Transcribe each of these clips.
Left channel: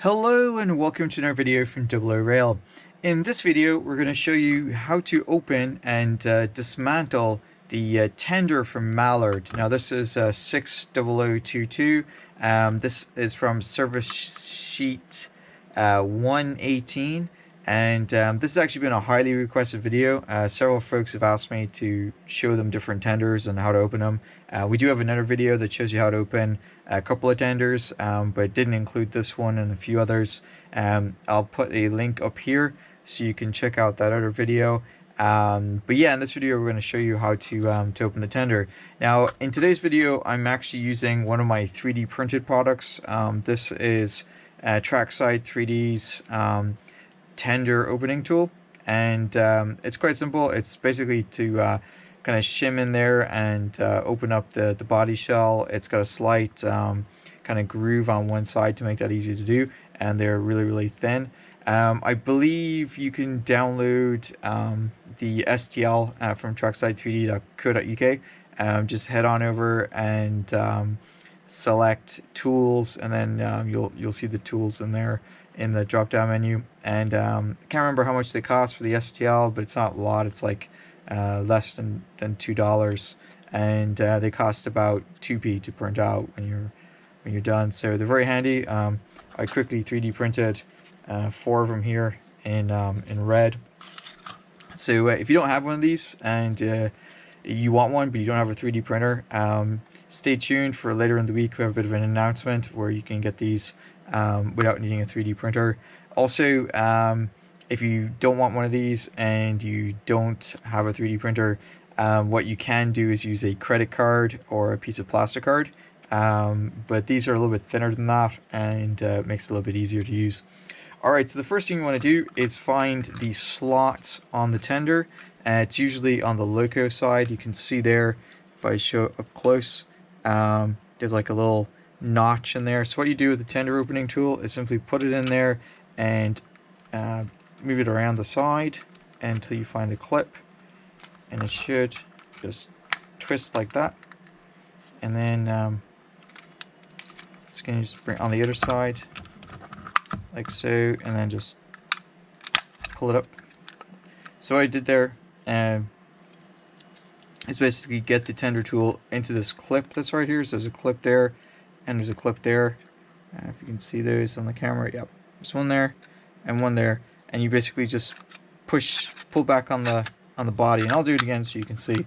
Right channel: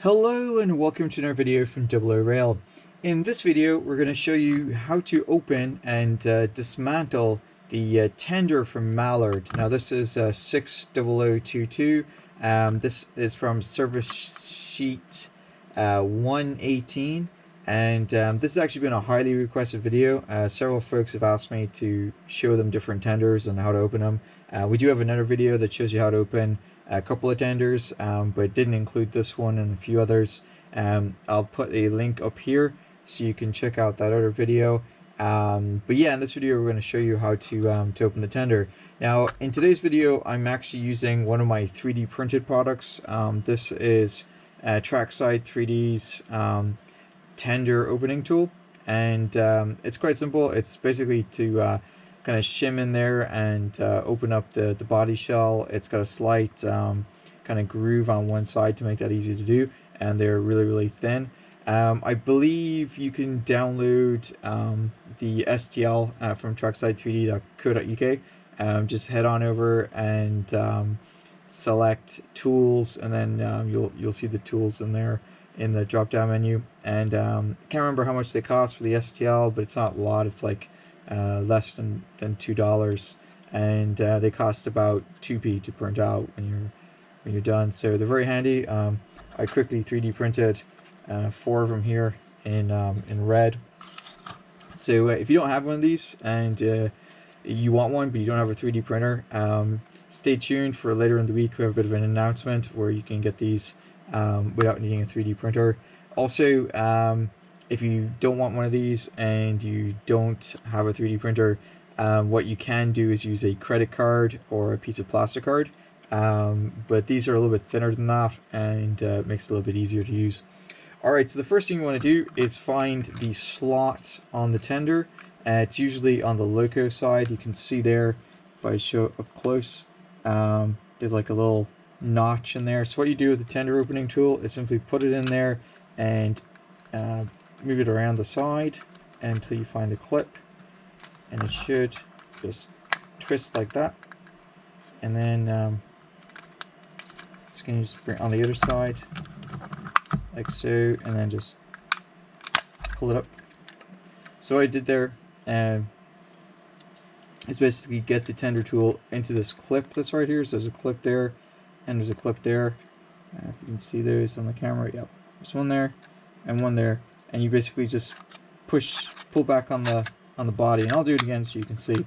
Hello and welcome to another video from oorail. In this video we're going to show you how to open and dismantle the tender from Mallard. Now this is 60022. This is from service sheet 118, and this has actually been a highly requested video. Several folks have asked me to show them different tenders and how to open them. We do have another video that shows you how to open a couple of tenders, but didn't include this one and a few others. I'll put a link up here so you can check out that other video. But yeah, in this video we're going to show you how to open the tender. Now in today's video I'm actually using one of my 3D printed products. This is Trackside 3D's tender opening tool, and it's quite simple. It's basically to kind of shim in there and open up the body shell. It's got a slight kind of groove on one side to make that easy to do, and they're really thin. I believe you can download the STL from trackside3d.co.uk. Just head on over and select tools, and then you'll see the tools in there in the drop down menu. And I can't remember how much they cost for the STL, but it's not a lot. It's like less than $2, and they cost about 2p to print out when you're done. So they're very handy. I quickly 3D printed 4 of them here in red. So if you don't have one of these and you want one but you don't have a 3D printer, stay tuned for later in the week. We have a bit of an announcement where you can get these without needing a 3D printer. Also, if you don't want one of these and you don't have a 3D printer, what you can do is use a credit card or a piece of plastic card. But these are a little bit thinner than that, and it makes it a little bit easier to use. Alright, so the first thing you want to do is find the slot on the tender. It's usually on the loco side. You can see there, if I show up close, there's like a little notch in there. So what you do with the tender opening tool is simply put it in there and move it around the side until you find the clip, and it should just twist like that. And then just going to just bring it on the other side like so, and then just pull it up. So what I did there is basically get the tender tool into this clip that's right here. So there's a clip there and there's a clip there. If you can see those on the camera, yep, there's one there and one there, and you basically just pull back on the body, and I'll do it again so you can see.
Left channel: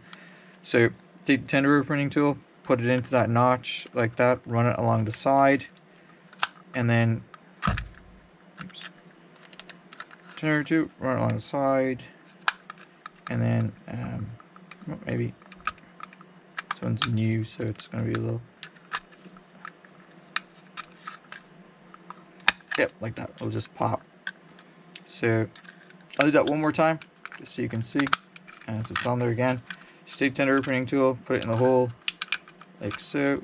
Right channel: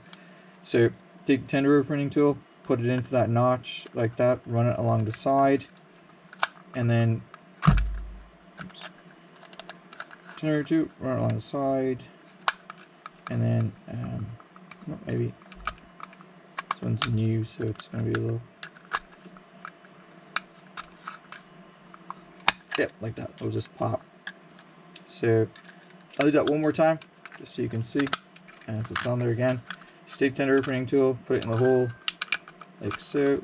So take the tender opening tool, put it into that notch like that, run it along the side, and then tender tool, run it along the side, and then maybe this one's new, so it's going to be a little, yep, like that. It'll just pop. So I'll do that one more time just so you can see. And so it's on there again. Just take tender opening tool, put it in the hole like so,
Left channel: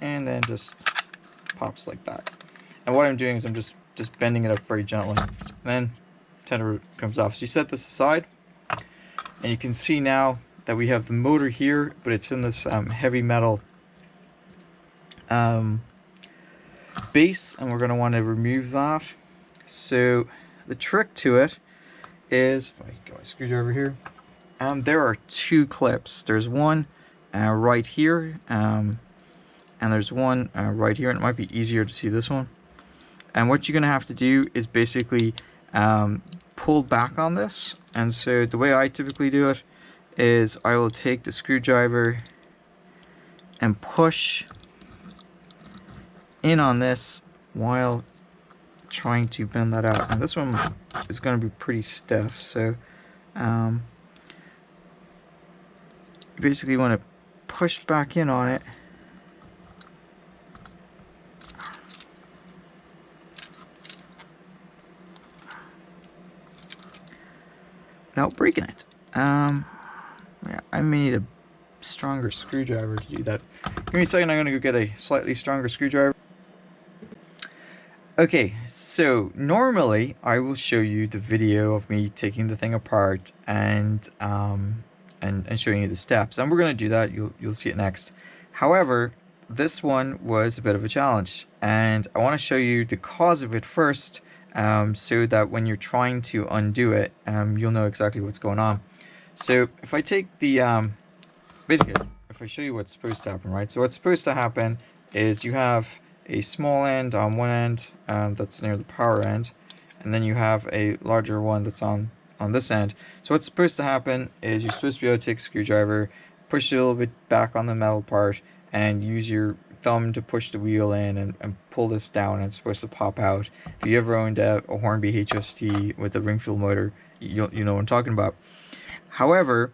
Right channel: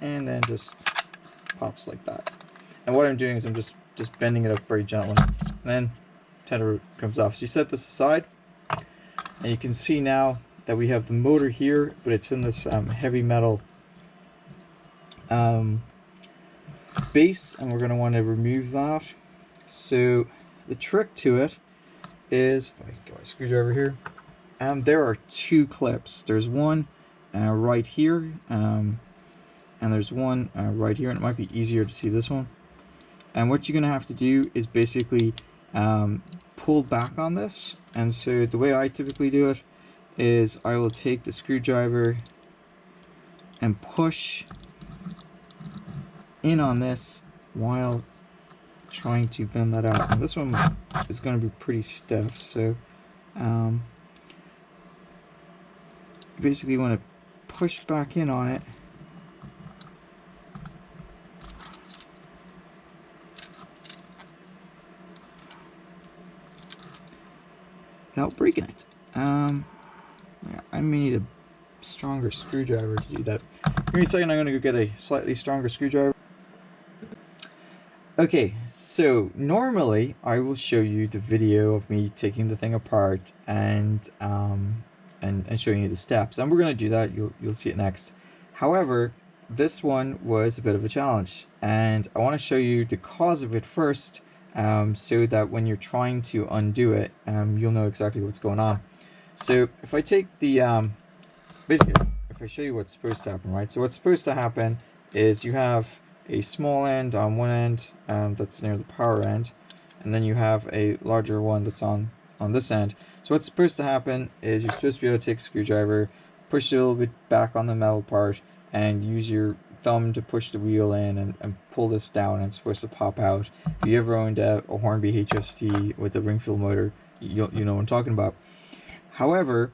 and then just pops like that. And what I'm doing is I'm just bending it up very gently, and then tender comes off. So you set this aside, and you can see now that we have the motor here, but it's in this heavy metal base, and we're going to want to remove that. So the trick to it is, if I get my screwdriver here, there are 2 clips. There's one right here, and there's one right here, and it might be easier to see this one. And what you're going to have to do is basically pull back on this. And so the way I typically do it is I will take the screwdriver and push in on this while trying to bend that out. And this one is going to be pretty stiff, so you basically want to push back in on it. Without breaking it. Yeah, I may need a stronger screwdriver to do that. Give me a second, I'm going to go get a slightly stronger screwdriver. Okay, so normally I will show you the video of me taking the thing apart and showing you the steps, and we're going to do that. You'll see it next. However, this one was a bit of a challenge, and I want to show you the cause of it first, so that when you're trying to undo it, you'll know exactly what's going on. So if I take the, basically, if I show you what's supposed to happen, right? So what's supposed to happen is you have a small end on one end that's near the power end, and then you have a larger one that's on this end. So what's supposed to happen is you're supposed to be able to take a screwdriver, push it a little bit back on the metal part, and use your thumb to push the wheel in and pull this down, and it's supposed to pop out. If you ever owned a Hornby HST with a ring fuel motor, you know what I'm talking about. However,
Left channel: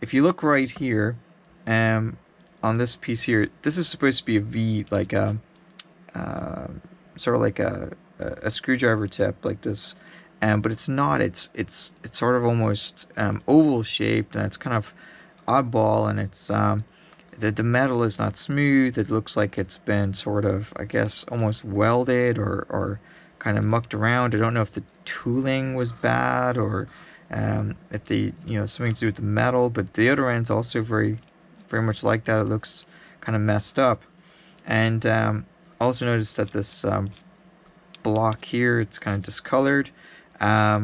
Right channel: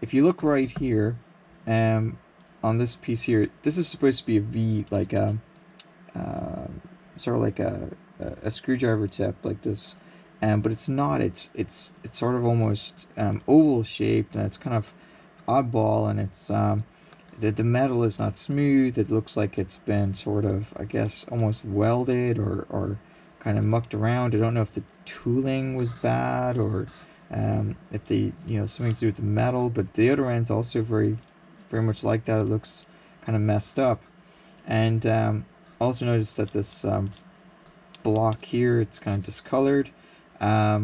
if you look right here, on this piece here, this is supposed to be a V, like a sort of like a screwdriver tip like this, but it's not. It's sort of almost oval shaped, and it's kind of oddball, and it's the metal is not smooth. It looks like it's been sort of, I guess, almost welded or kind of mucked around. I don't know if the tooling was bad or if the something to do with the metal, but the other end's also very much like that. It looks kind of messed up. And also noticed that this block here, it's kind of discolored. But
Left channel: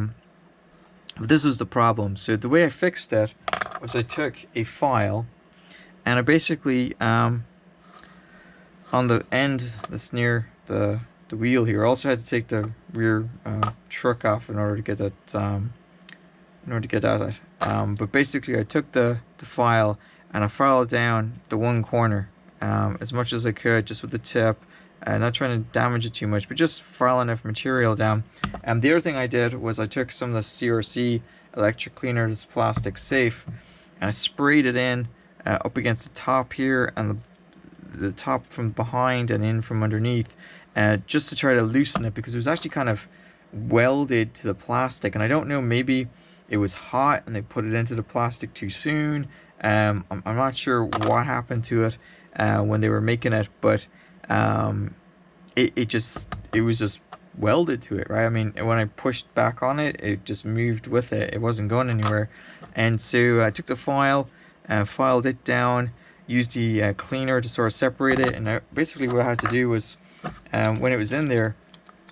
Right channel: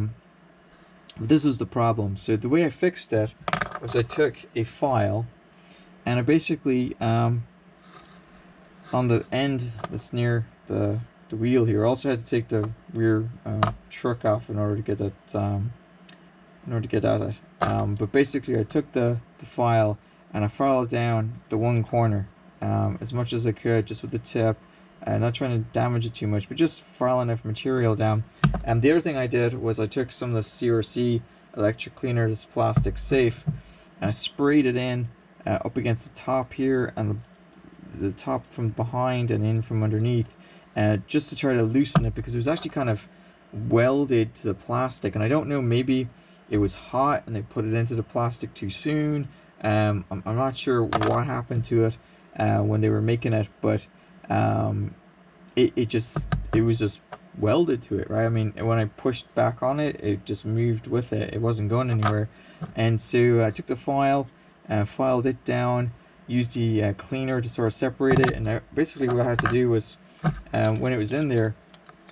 this was the problem. So the way I fixed it was I took a file, and I basically on the end that's near the wheel here, I also had to take the rear truck off in order to get that at it. But basically I took the file and I filed down the one corner as much as I could, just with the tip, not trying to damage it too much, but just file enough material down. And the other thing I did was I took some of the CRC electric cleaner that's plastic safe, and I sprayed it in up against the top here and the top from behind and in from underneath, just to try to loosen it, because it was actually kind of welded to the plastic, and I don't know, maybe it was hot and they put it into the plastic too soon. I'm not sure what happened to it when they were making it, but it was just welded to it, right? I mean, when I pushed back on it, it just moved with it. It wasn't going anywhere. And so I took the file, filed it down, used the cleaner to sort of separate it, and basically what I had to do was, when it was in there,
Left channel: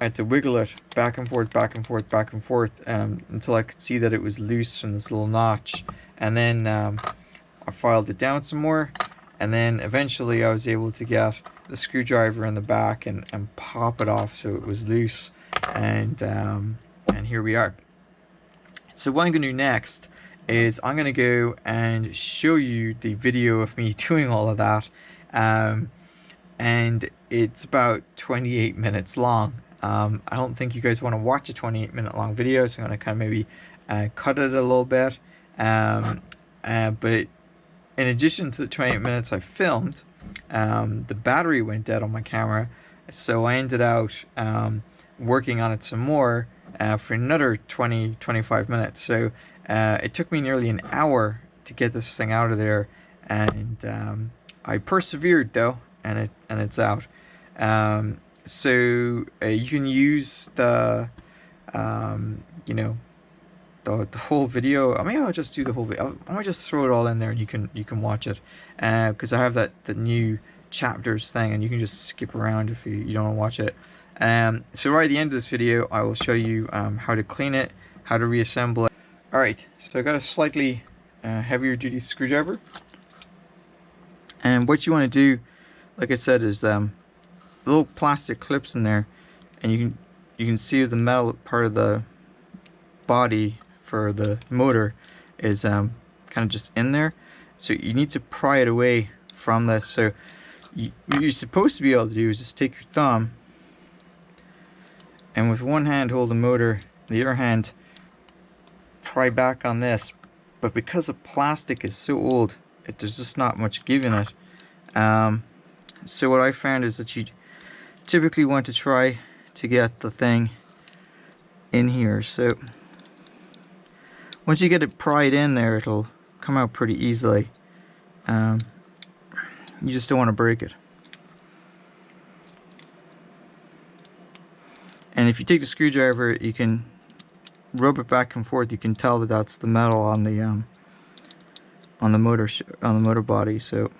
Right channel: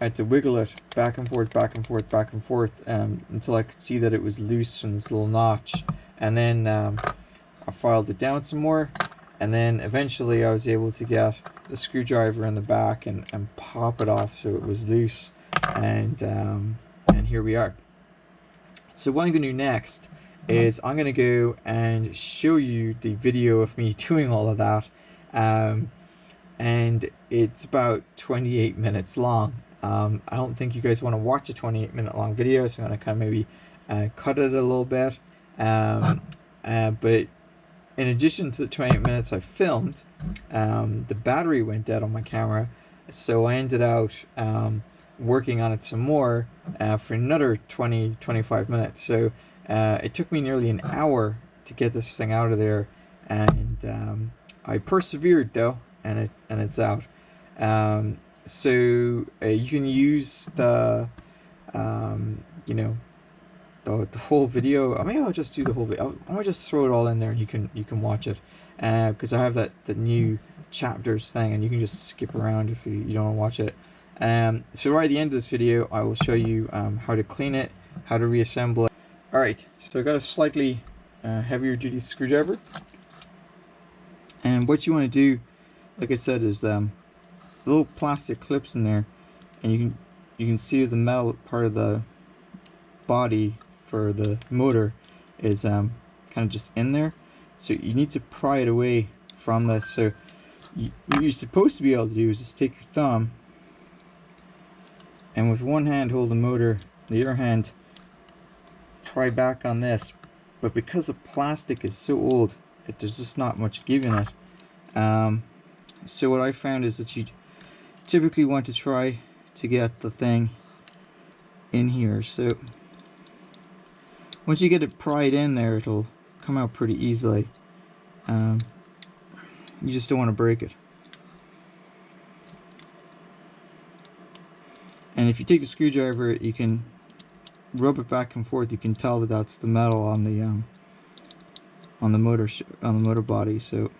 I had to wiggle it back and forth, back and forth, back and forth, until I could see that it was loose from this little notch. And then I filed it down some more, and then eventually I was able to get the screwdriver in the back and pop it off so it was loose. And here we are. So what I'm going to do next is I'm going to go and show you the video of me doing all of that, and it's about 28 minutes long. I don't think you guys want to watch a 28-minute long video, so I'm going to kind of maybe cut it a little bit. But in addition to the 28 minutes I filmed, the battery went dead on my camera, so I ended out working on it some more for another 20-25 minutes. So it took me nearly an hour to get this thing out of there, and I persevered though, and it's out. So you can use the the whole video. Maybe I'll just do the whole video. I might just throw it all in there and you can watch it, because I have the new chapters thing, and you can just skip around if you don't want to watch it. So right at the end of this video I will show you how to clean it, how to reassemble it. Alright, so I got a slightly heavier duty screwdriver, and what you want to do, like I said, is little plastic clips in there, and you can see the metal part of the body for the motor is kind of just in there, so you need to pry it away from this. So what you're supposed to be able to do is just take your thumb and with one hand hold the motor, the other hand pry back on this, but because the plastic is so old, there's just not much give in it. So what I found is that you typically want to try to get the thing in here. So once you get it pried in there, it'll come out pretty easily. You just don't want to break it. And if you take the screwdriver, you can rub it back and forth. You can tell that that's the metal on the motor body. So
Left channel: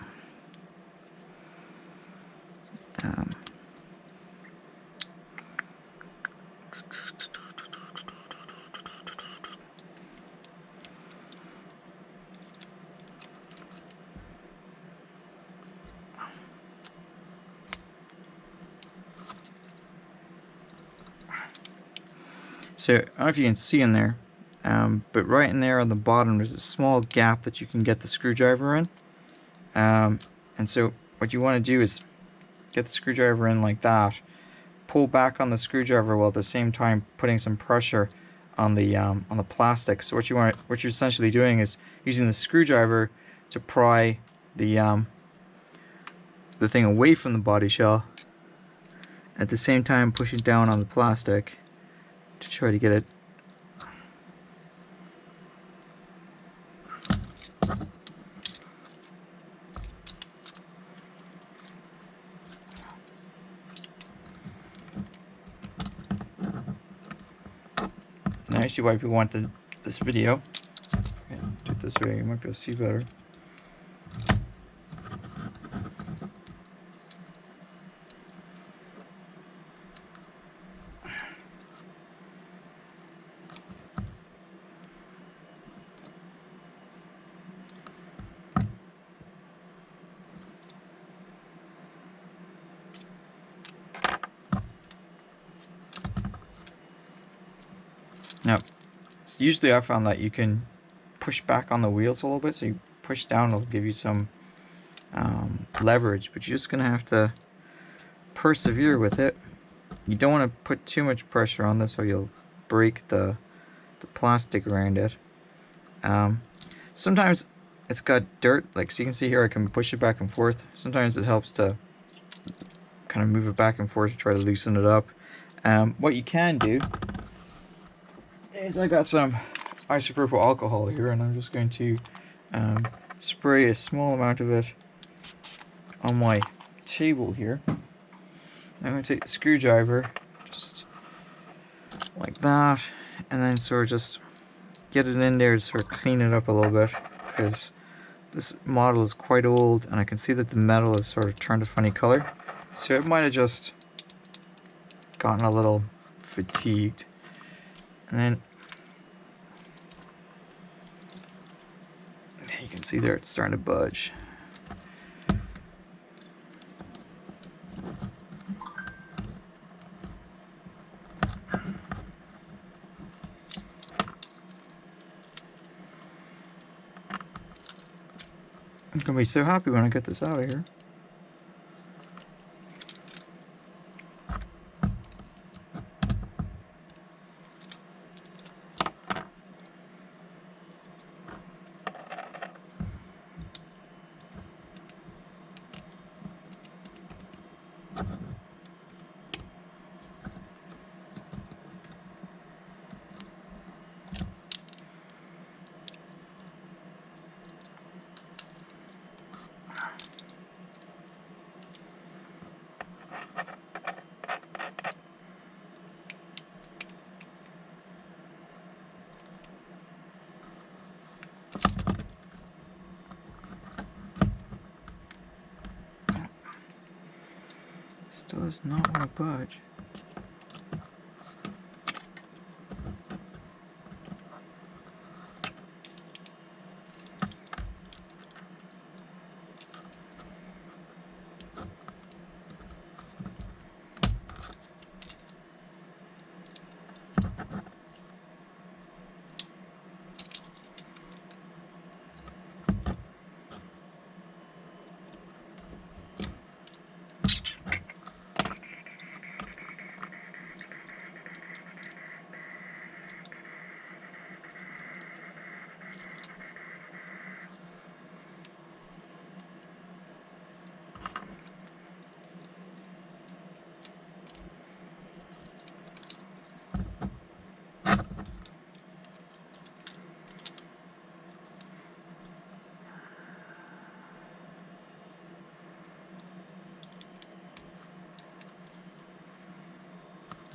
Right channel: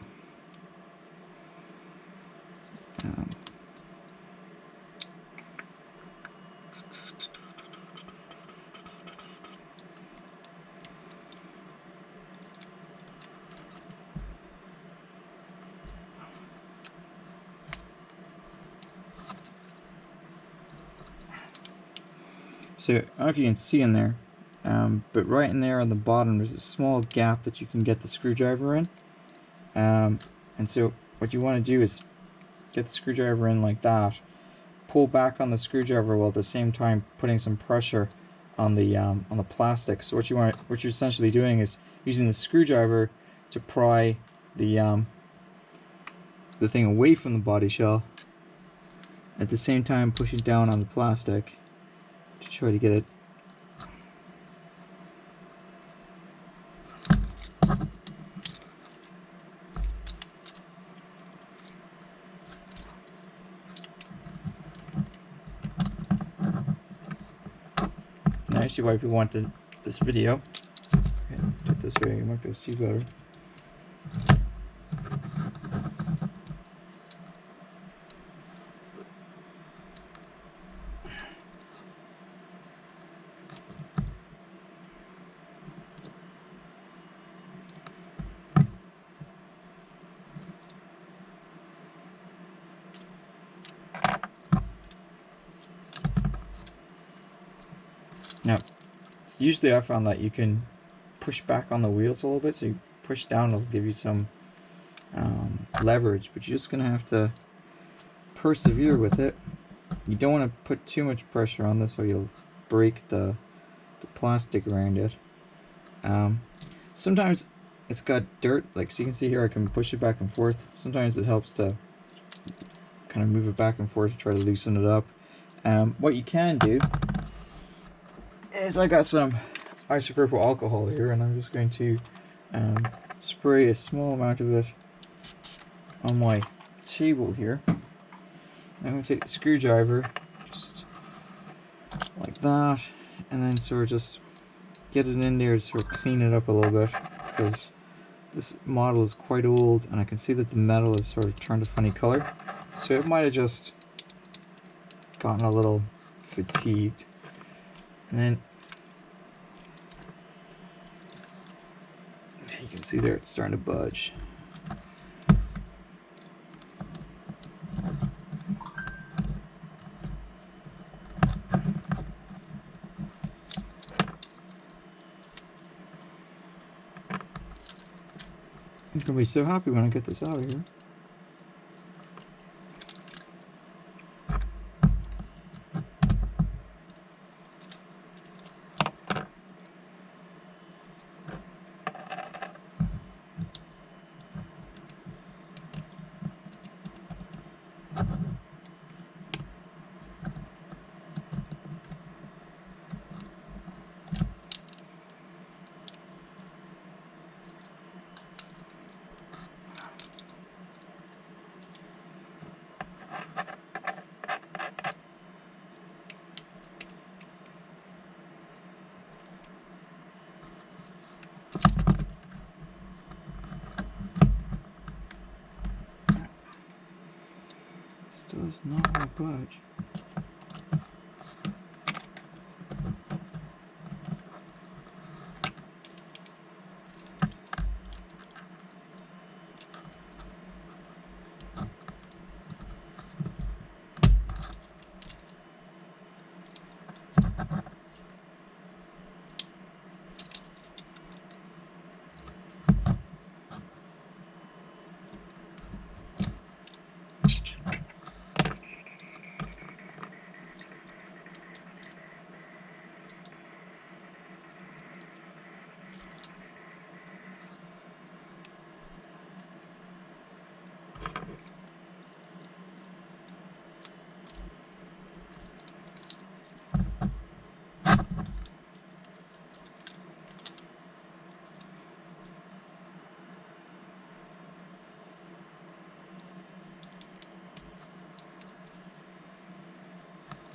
So I don't know if you can see in there, but right in there on the bottom there's a small gap that you can get the screwdriver in. And so what you want to do is get the screwdriver in like that, pull back on the screwdriver while at the same time putting some pressure on the plastic. So what you're essentially doing is using the screwdriver to pry the thing away from the body shell, at the same time pushing down on the plastic to try to get it. Now actually why people want this video. Okay, do it this way, you might be able to see better. Now, usually I found that you can push back on the wheels a little bit, so you push down, it'll give you some leverage, but you're just going to have to persevere with it. You don't want to put too much pressure on this or you'll break the plastic around it. Sometimes it's got dirt, like so you can see here I can push it back and forth. Sometimes it helps to kind of move it back and forth to try to loosen it up. What you can do is I got some isopropyl alcohol here, and I'm just going to spray a small amount of it on my table here. I'm going to take the screwdriver, just like that, and then sort of just get it in there to sort of clean it up a little bit, because this model is quite old and I can see that the metal is sort of turned a funny color, so it might have just gotten a little fatigued. And then you can see there it's starting to budge. I'm gonna be so happy when I get this out of here. Still does not want to budge.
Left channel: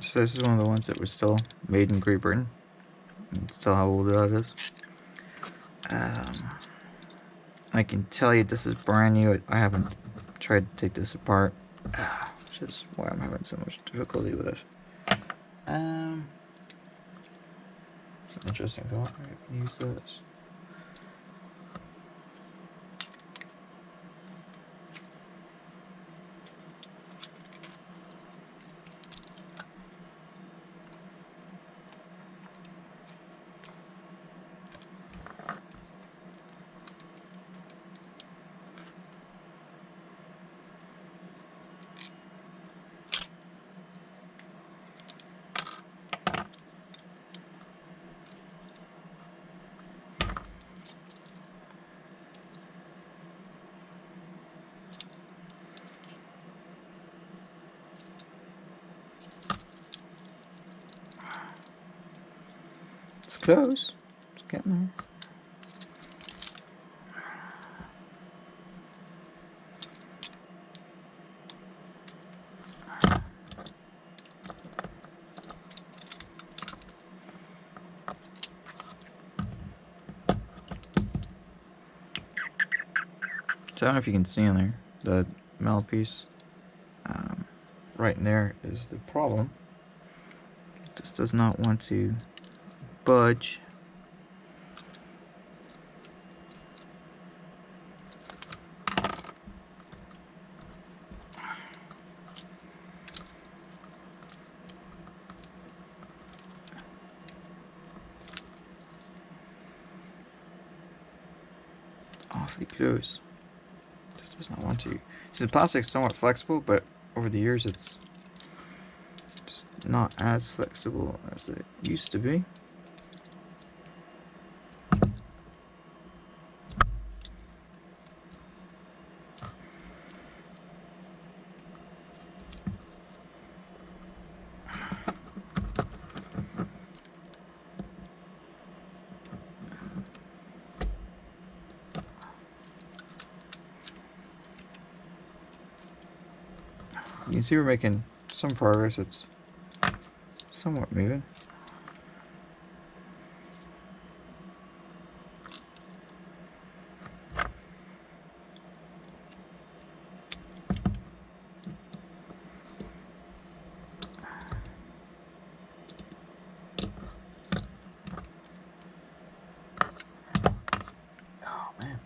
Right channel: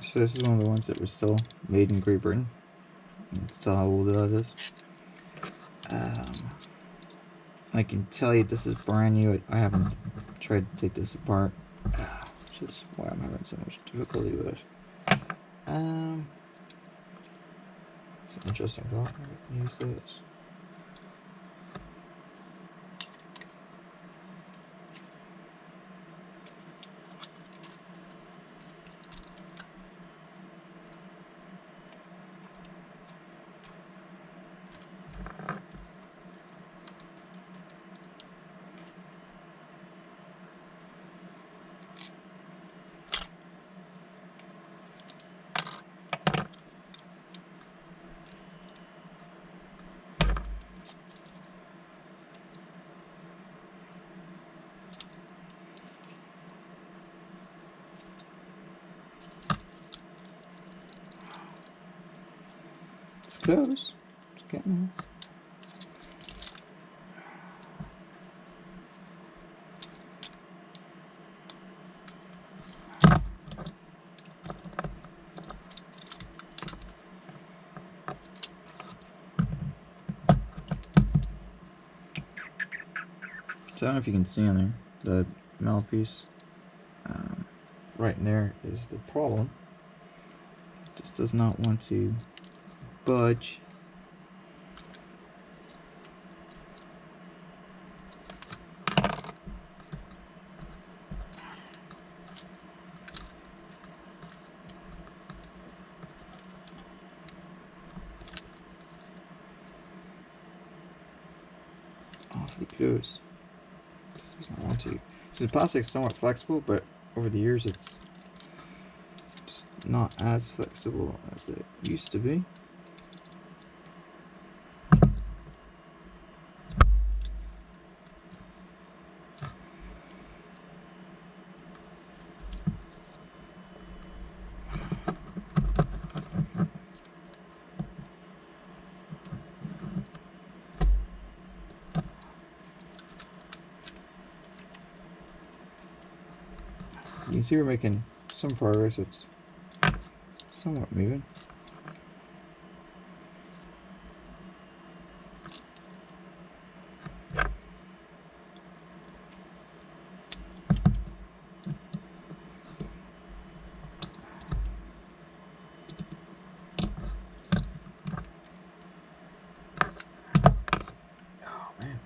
So this is one of the ones that was still made in Great Britain. You can tell how old that is. I can tell you this is brand new. I haven't tried to take this apart. which is why I'm having so much difficulty with it. It's an interesting thought. I can use this. It's close. It's getting there. So I don't know if you can see on there, the mallet piece right in there is the problem. It just does not want to budge. Awfully close. Just does not want to. So the plastic is somewhat flexible, but over the years it's just not as flexible as it used to be. You can see we're making some progress. It's somewhat moving. Oh man.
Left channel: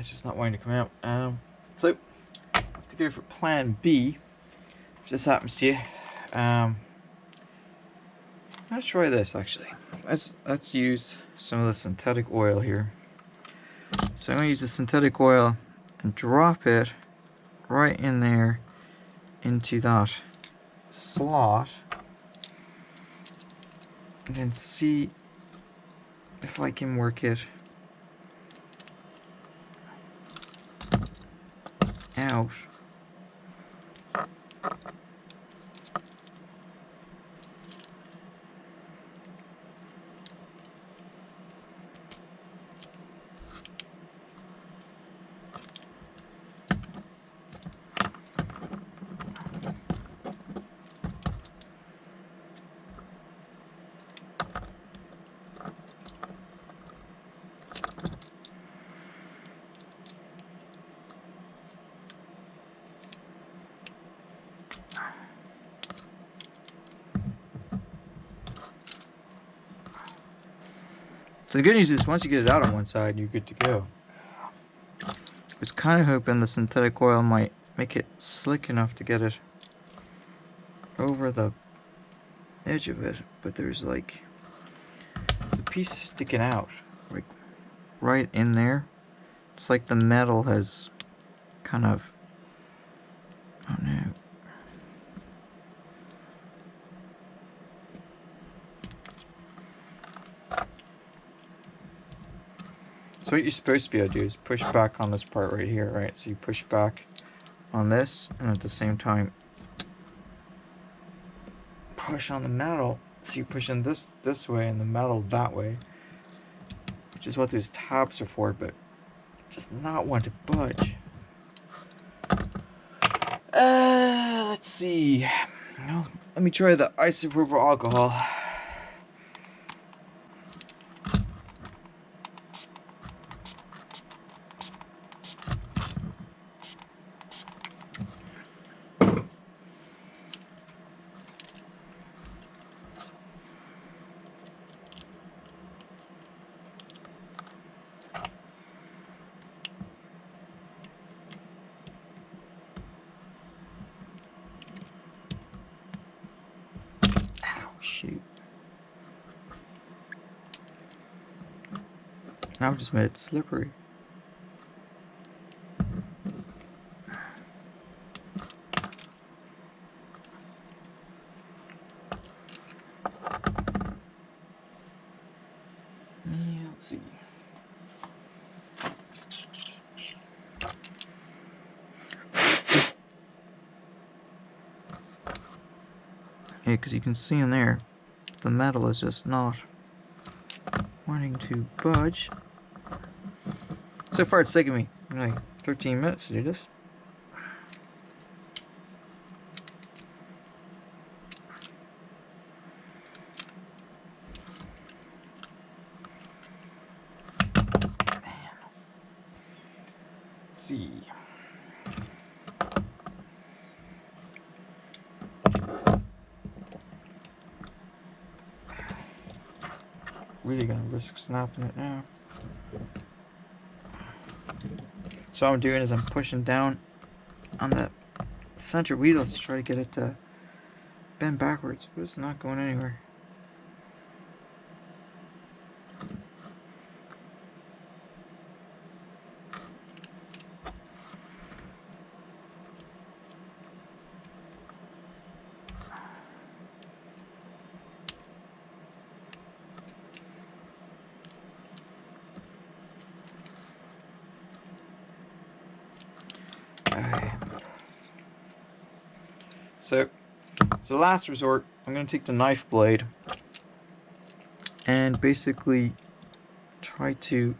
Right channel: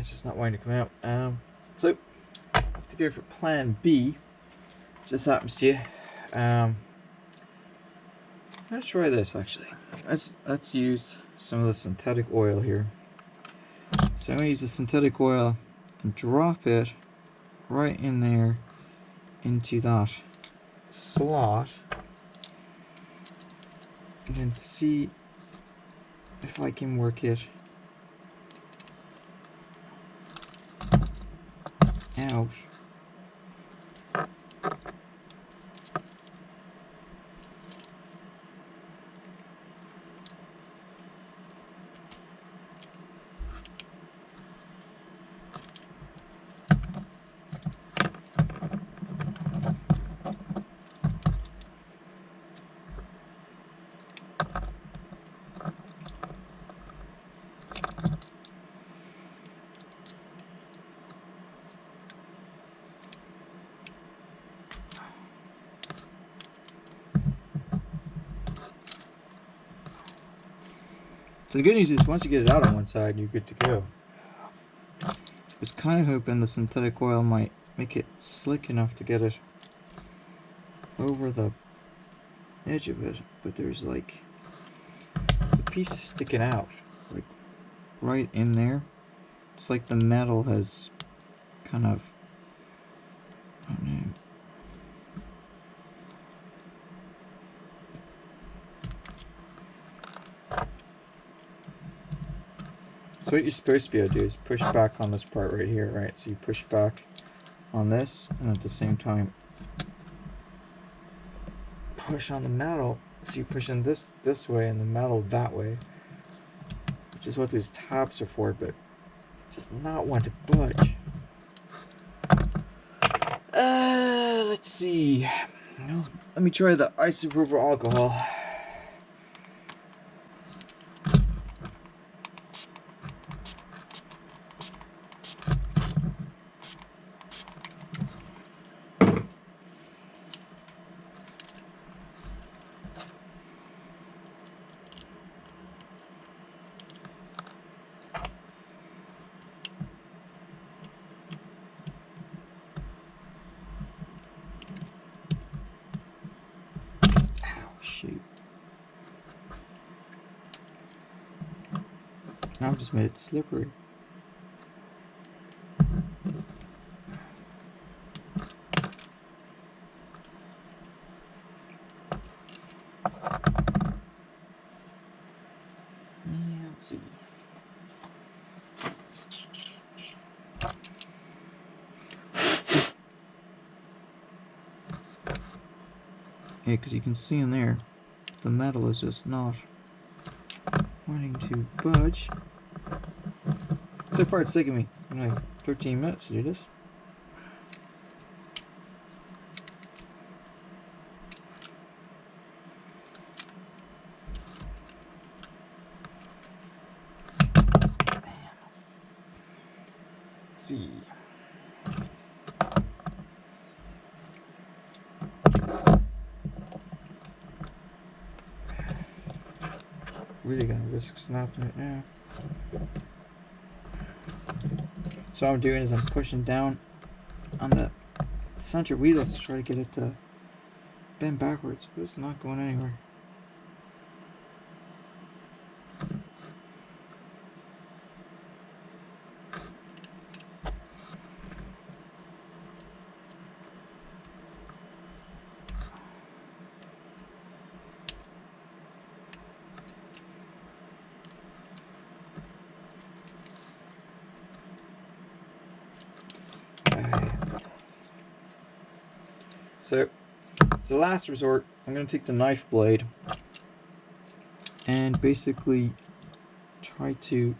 It's just not wanting to come out. So I have to go for plan B. If this happens to you, I'm gonna try this actually. Let's use some of the synthetic oil here. So I'm gonna use the synthetic oil and drop it right in there into that slot, and then see if I can work it out. So the good news is once you get it out on one side, you're good to go. I was kind of hoping the synthetic oil might make it slick enough to get it over the edge of it, but there's a piece sticking out, like right in there. It's like the metal has kind of, I don't know. So what you're supposed to be able to do is push back on this part right here, right? So you push back on this, and at the same time push on the metal. So you're pushing this way and the metal that way, which is what those tabs are for, but it does not want to budge. Let's see. No, let me try the isopropyl alcohol. Shoot. Now I've just made it slippery. Yeah, let's see. Yeah, because you can see in there, the metal is just not wanting to budge. So far it's taken me like 13 minutes to do this. Let's see. Really gonna risk snapping it now. So what I'm doing is I'm pushing down on the center wheels to try to get it to bend backwards, but it's not going anywhere. So, as a last resort, I'm going to take the knife blade and basically try to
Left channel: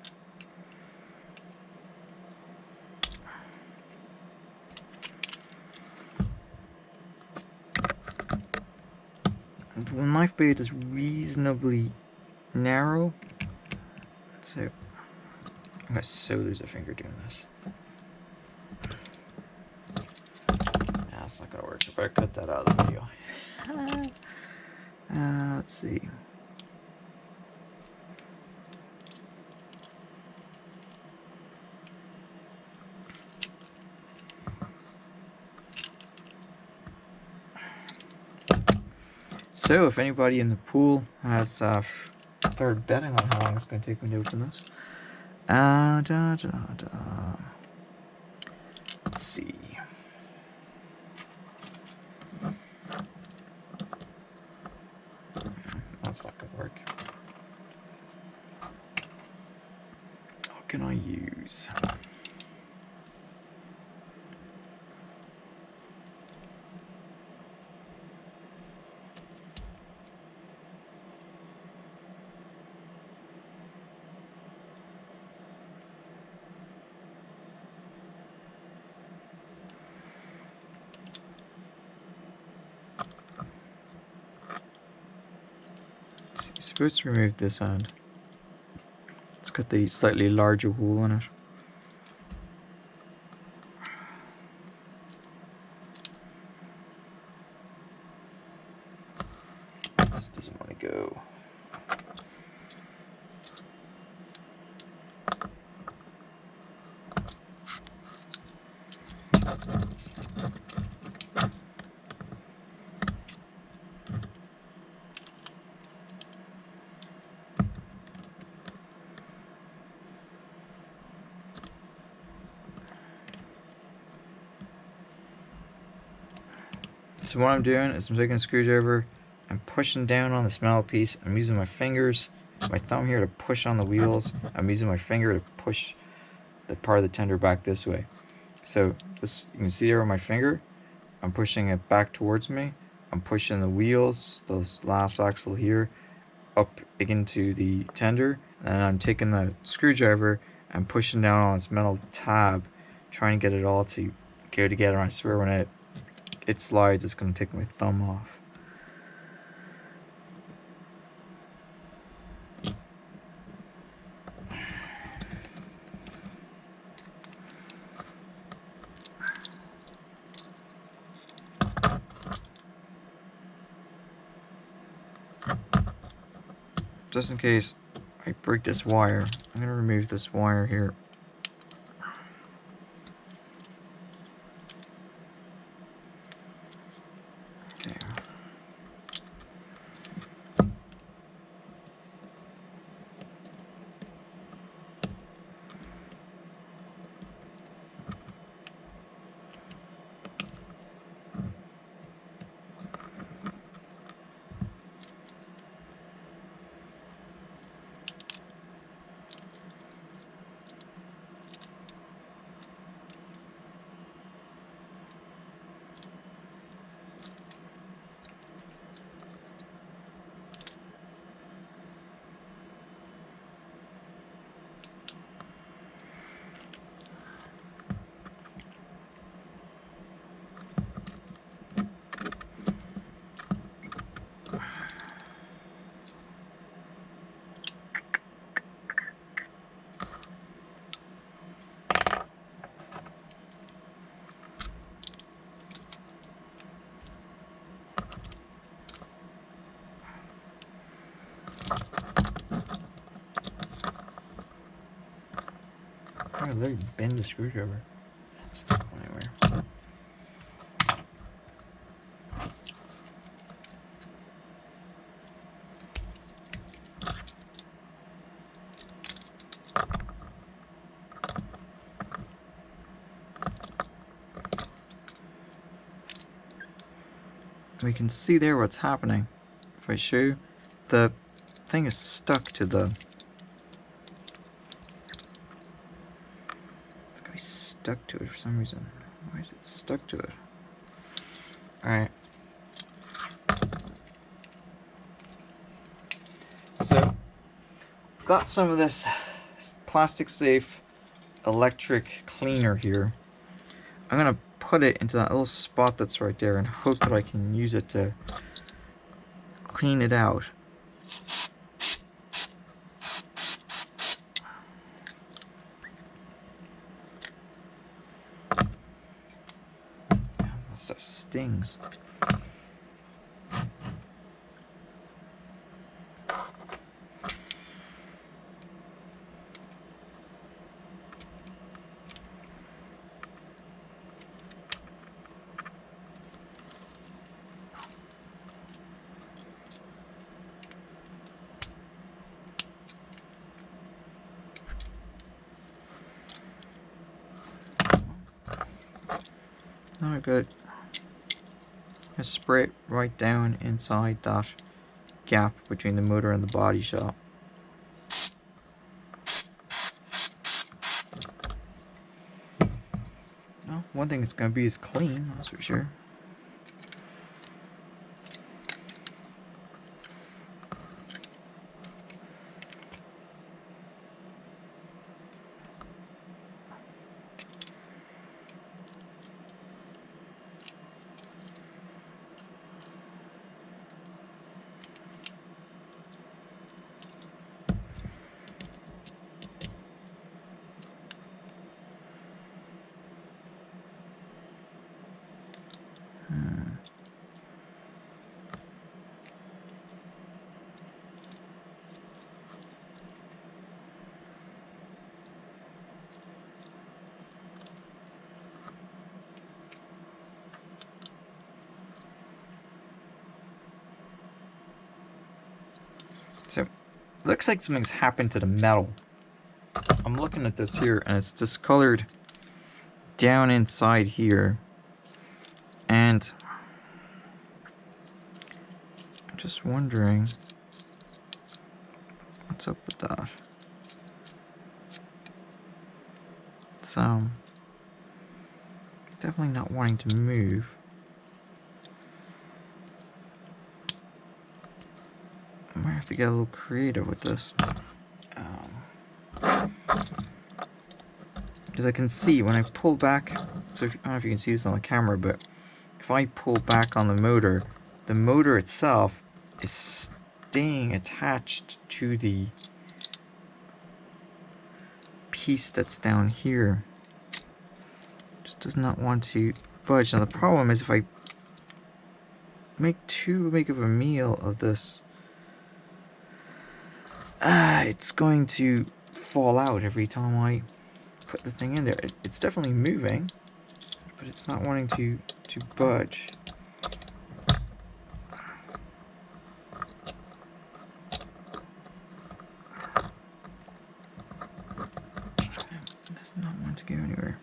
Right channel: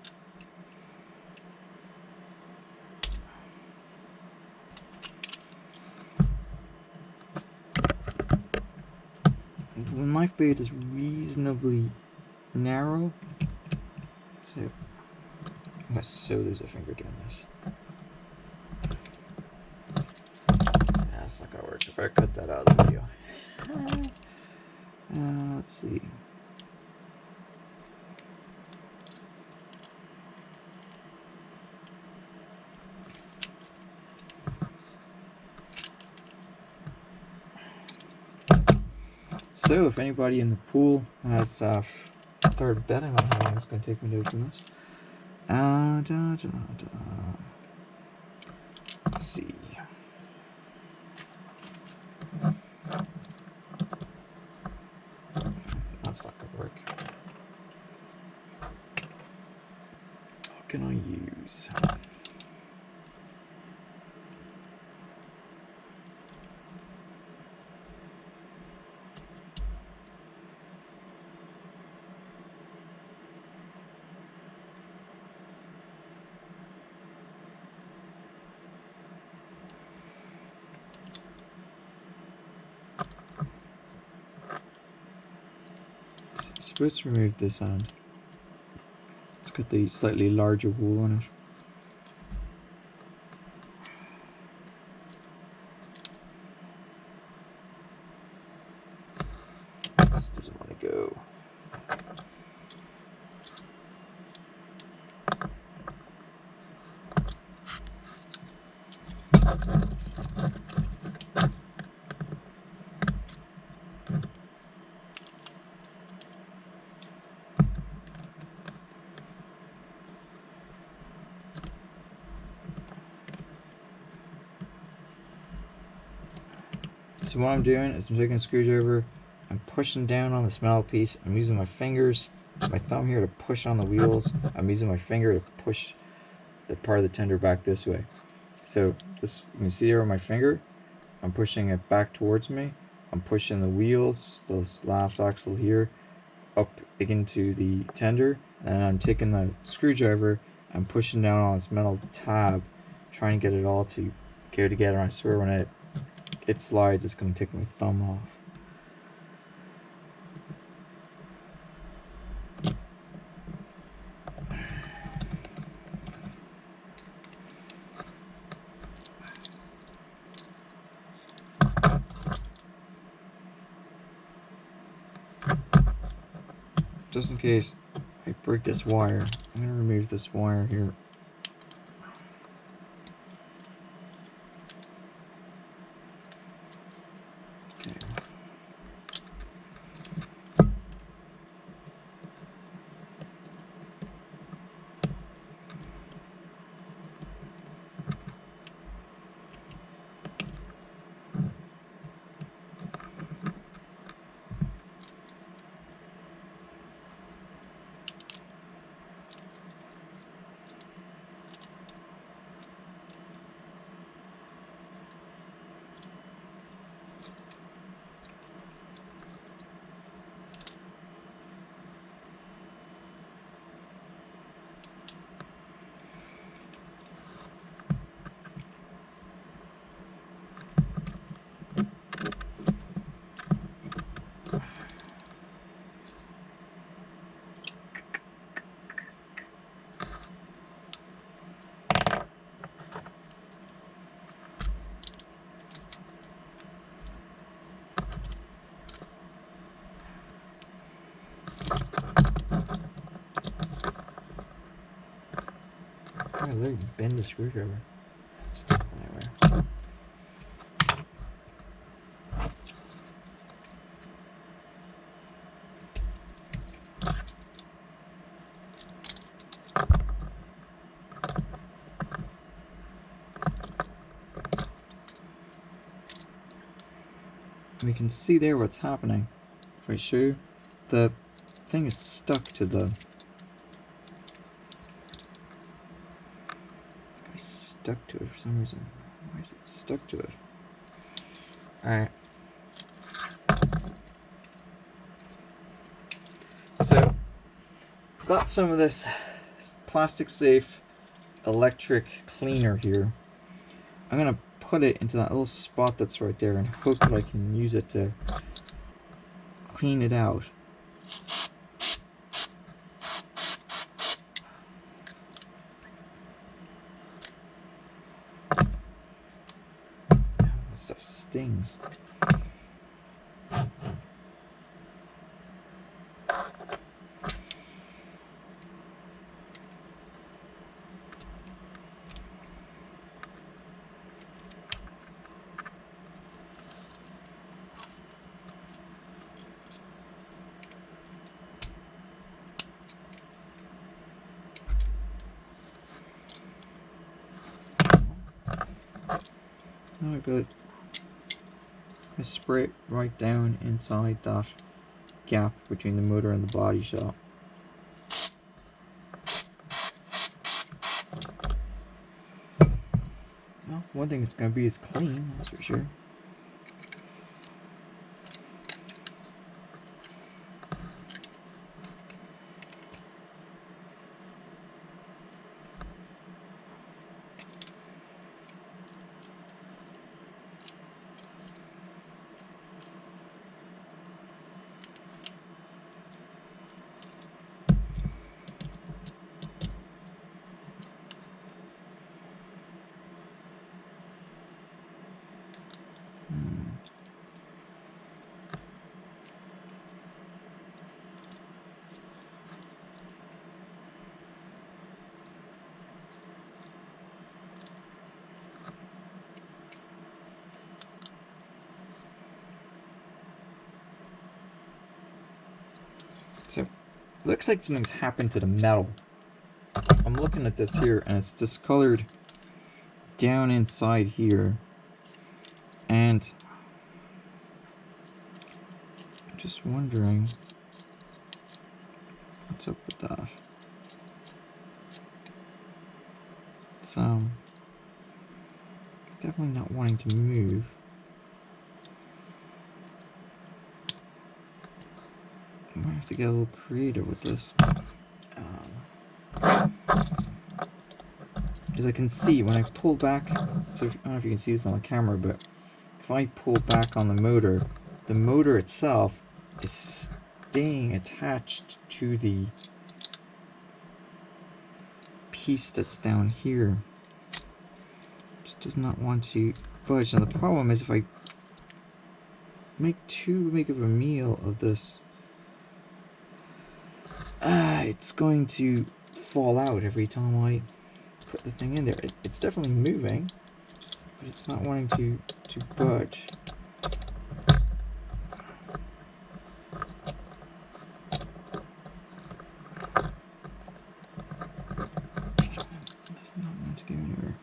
the knife blade is reasonably narrow, so I'm going to sew lose a finger doing this. That's not gonna work. I better cut that out of the video. Let's see. So, if anybody in the pool has started betting on how long it's going to take me to open this, let's see. That's not going to work. What can I use? You're supposed to remove this end. It's got the slightly larger hole in it. This doesn't want to go. So what I'm doing is I'm taking a screwdriver, I'm pushing down on this metal piece. I'm using my fingers, my thumb here to push on the wheels. I'm using my finger to push the part of the tender back this way. So this, you can see here on my finger, I'm pushing it back towards me. I'm pushing the wheels, this last axle here, up into the tender, and I'm taking the screwdriver and pushing down on this metal tab, trying to get it all to go together. I swear when it slides, it's going to take my thumb off. Just in case I break this wire, I'm going to remove this wire here. Okay. I literally bend the screwdriver. It's not going anywhere. We can see there what's happening. If I show you, the thing is stuck to the... stuck to it for some reason. Why is it stuck to it? Alright. So, I've got some of this plastic safe electric cleaner here. I'm going to put it into that little spot that's right there and hope that I can use it to clean it out. Stuff stings. Oh, good. Just spray it right down inside that gap between the motor and the body shop. Well, one thing it's going to be is clean, that's for sure. So, looks like something's happened to the metal. I'm looking at this here, and it's discolored down inside here. And just wondering what's up with that. It's definitely not wanting to move. I might have to get a little creative with this. Because I can see when I pull back, so if, I don't know if you can see this on the camera, but if I pull back on the motor itself is staying attached to the piece that's down here. Just does not want to budge. Now the problem is if I make too big of a meal of this, it's going to fall out every time I put the thing in there. It's definitely moving, but it's not wanting to budge. It does not want to go anywhere.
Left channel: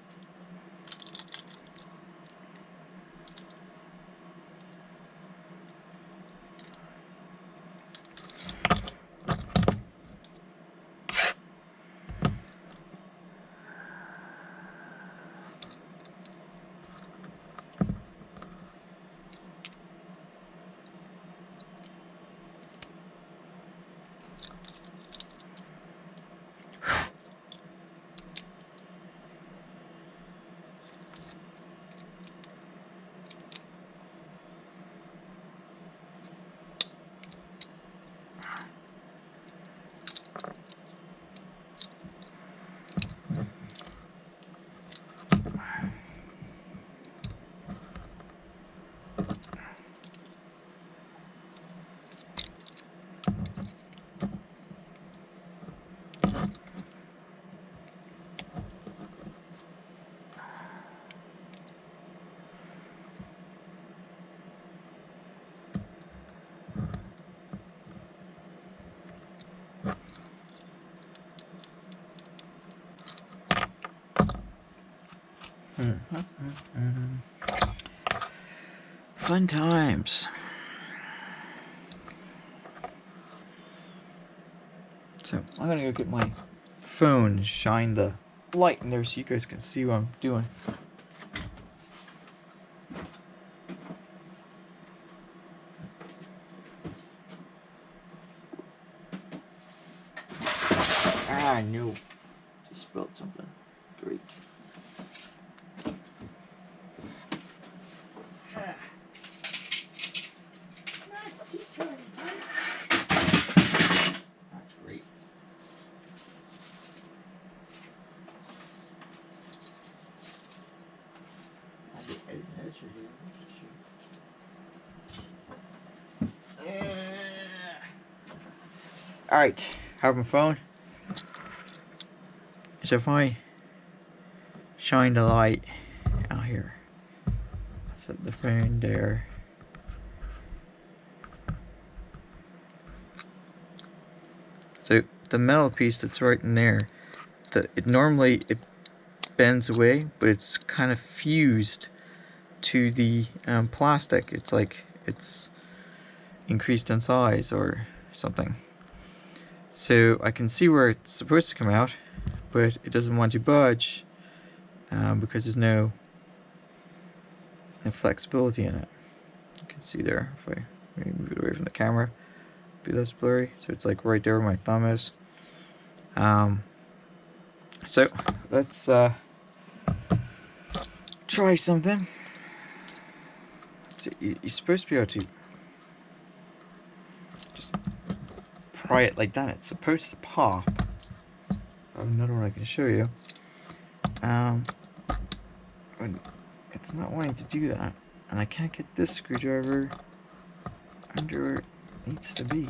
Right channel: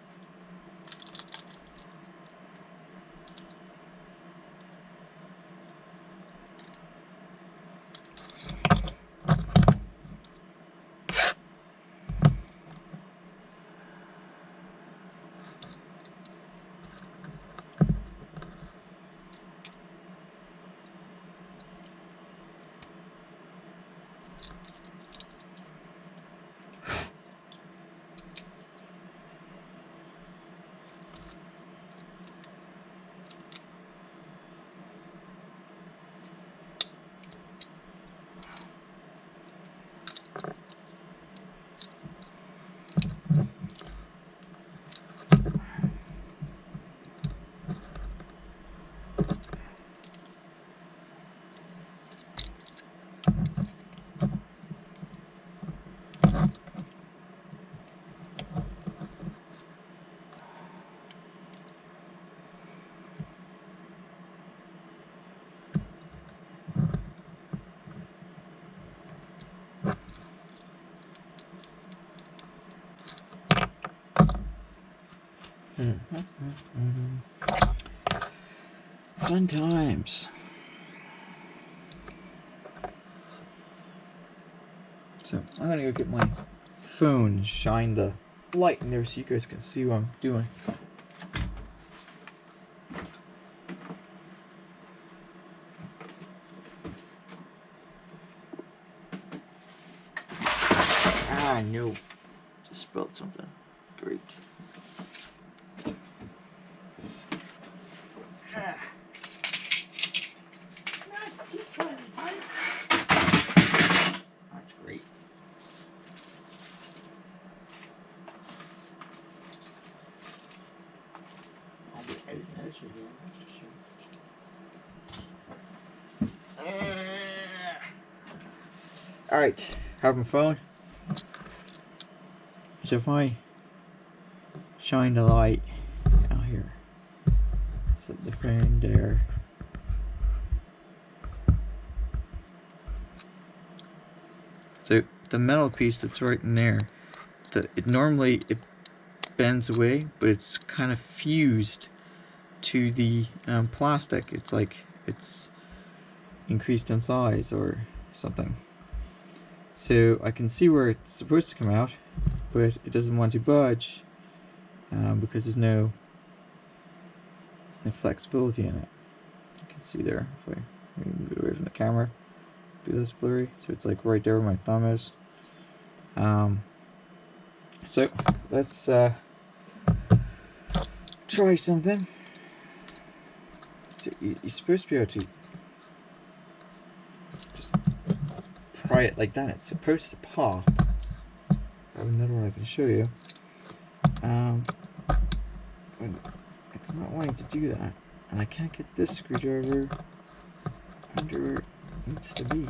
Fun times. So I'm gonna go get my phone and shine the light in there so you guys can see what I'm doing. Ah, no. Just spilled something. Great. Alright, have my phone. So if I shine the light out here, set the phone there. So the metal piece that's right in there, normally it bends away, but it's kind of fused to the plastic. It's like it's increased in size or something. So I can see where it's supposed to come out, but it doesn't want to budge because there's no flexibility in it. You can see there, if I maybe move it away from the camera, be less blurry. So it's like right there where my thumb is. So let's try something. So you're supposed to be able to just pry it like that. It's supposed to pop. I have another one I can show you. It's not wanting to do that, and I can't get this screwdriver under where it needs to be.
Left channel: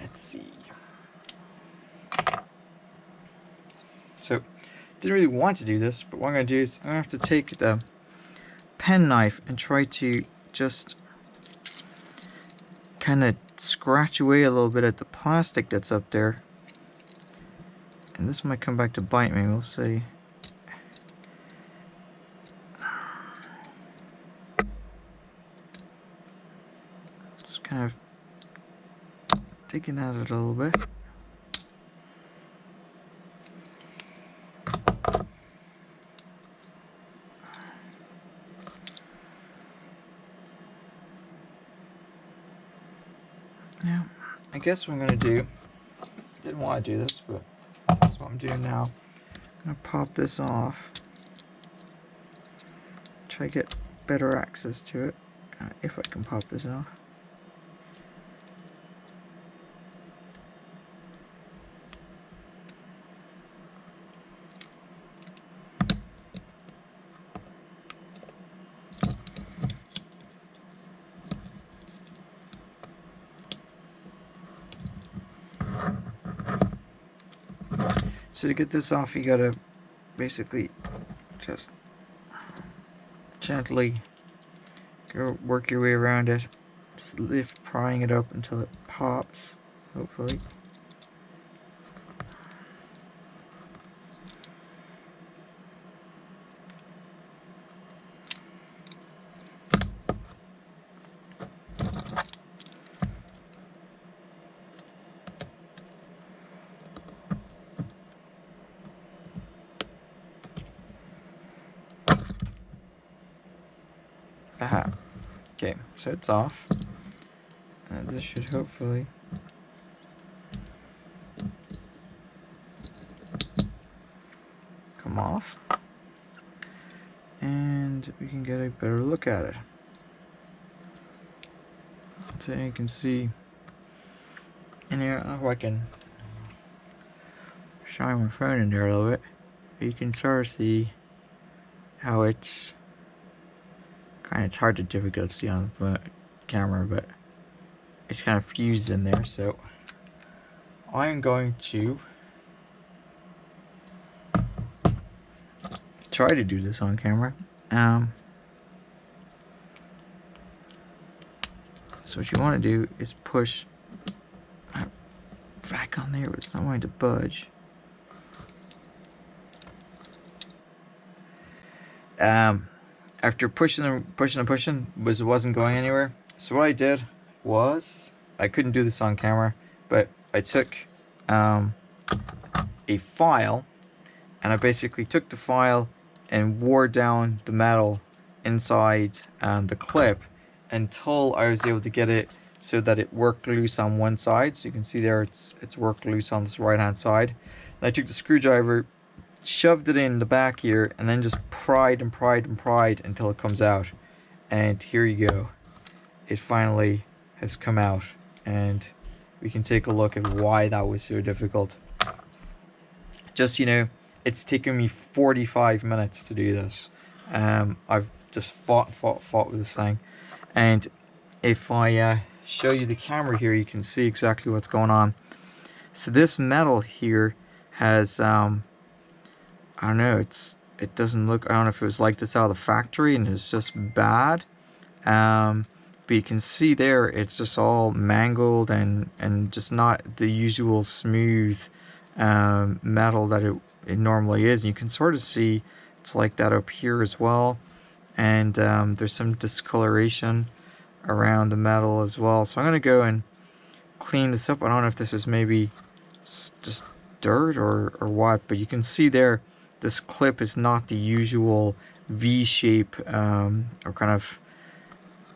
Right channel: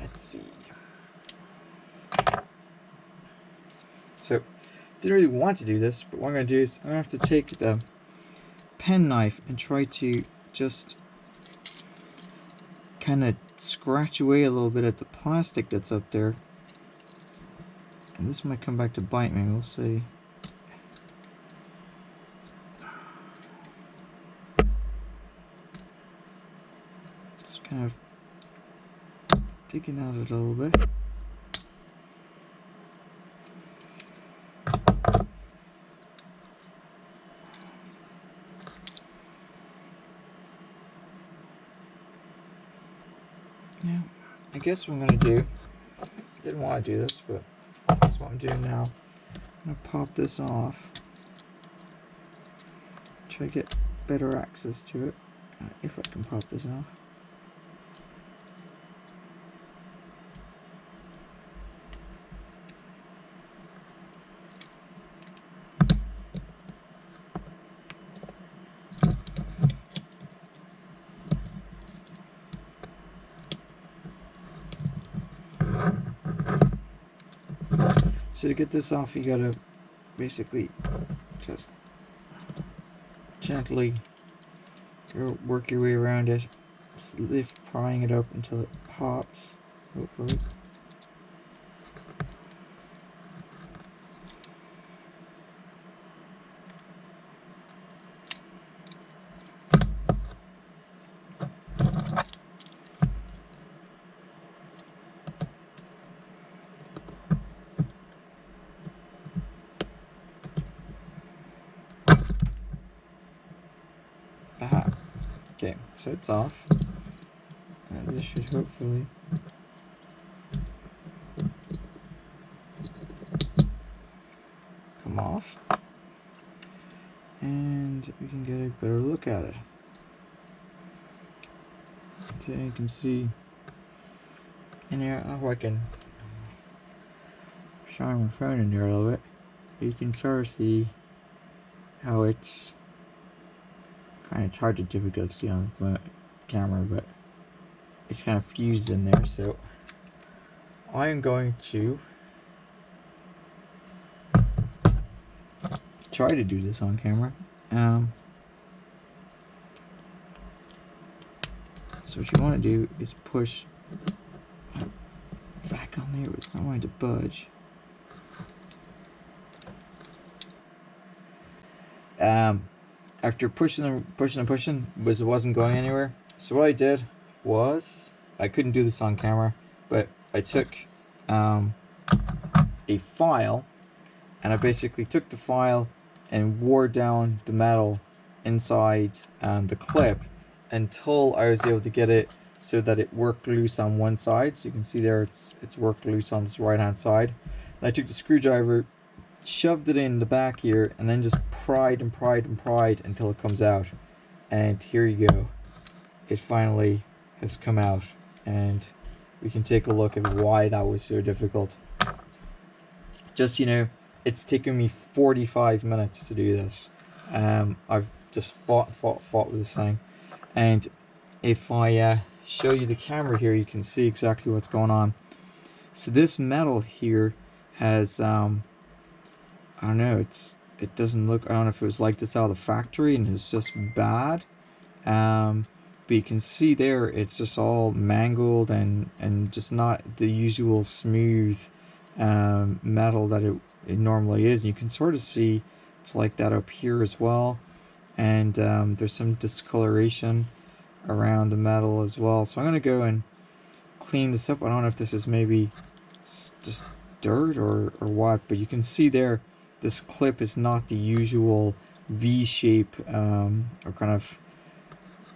Let's see. So, didn't really want to do this, but what I'm going to do is I'm going to have to take the pen knife and try to just kind of scratch away a little bit at the plastic that's up there. And this might come back to bite me, we'll see. kind of digging at it a little bit. Now, I guess what I'm going to do, didn't want to do this, but that's what I'm doing now. I'm going to pop this off. Try to get better access to it, if I can pop this off. So to get this off, you gotta basically just gently work your way around it. Just lift, prying it up until it pops, hopefully. Aha. Okay, so it's off. And this should hopefully come off. And we can get a better look at it. So you can see in here, oh, I can shine my phone in there a little bit. You can sort of see how it's hard to difficult to see on the phone camera, but it's kind of fused in there. So I'm going to try to do this on camera. So what you want to do is push back on there, but it's not going to budge. After pushing, it wasn't going anywhere. So what I did was, I couldn't do this on camera, but I took a file, and I basically took the file and wore down the metal inside the clip until I was able to get it so that it worked loose on one side. So you can see there it's worked loose on this right hand side. And I took the screwdriver, shoved it in the back here, and then just pried and pried and pried until it comes out. And here you go. It finally has come out, and we can take a look at why that was so difficult. Just, you know, it's taken me 45 minutes to do this. I've just fought with this thing. And if I show you the camera here, you can see exactly what's going on. So this metal here has I don't know, it doesn't look, I don't know if it was like this out of the factory and it's just bad. But you can see there, it's just all mangled and just not the usual smooth metal that it normally is. And you can sort of see it's like that up here as well. And there's some discoloration around the metal as well. So I'm going to go and clean this up. I don't know if this is maybe just dirt or what, but you can see there, this clip is not the usual V shape, or kind of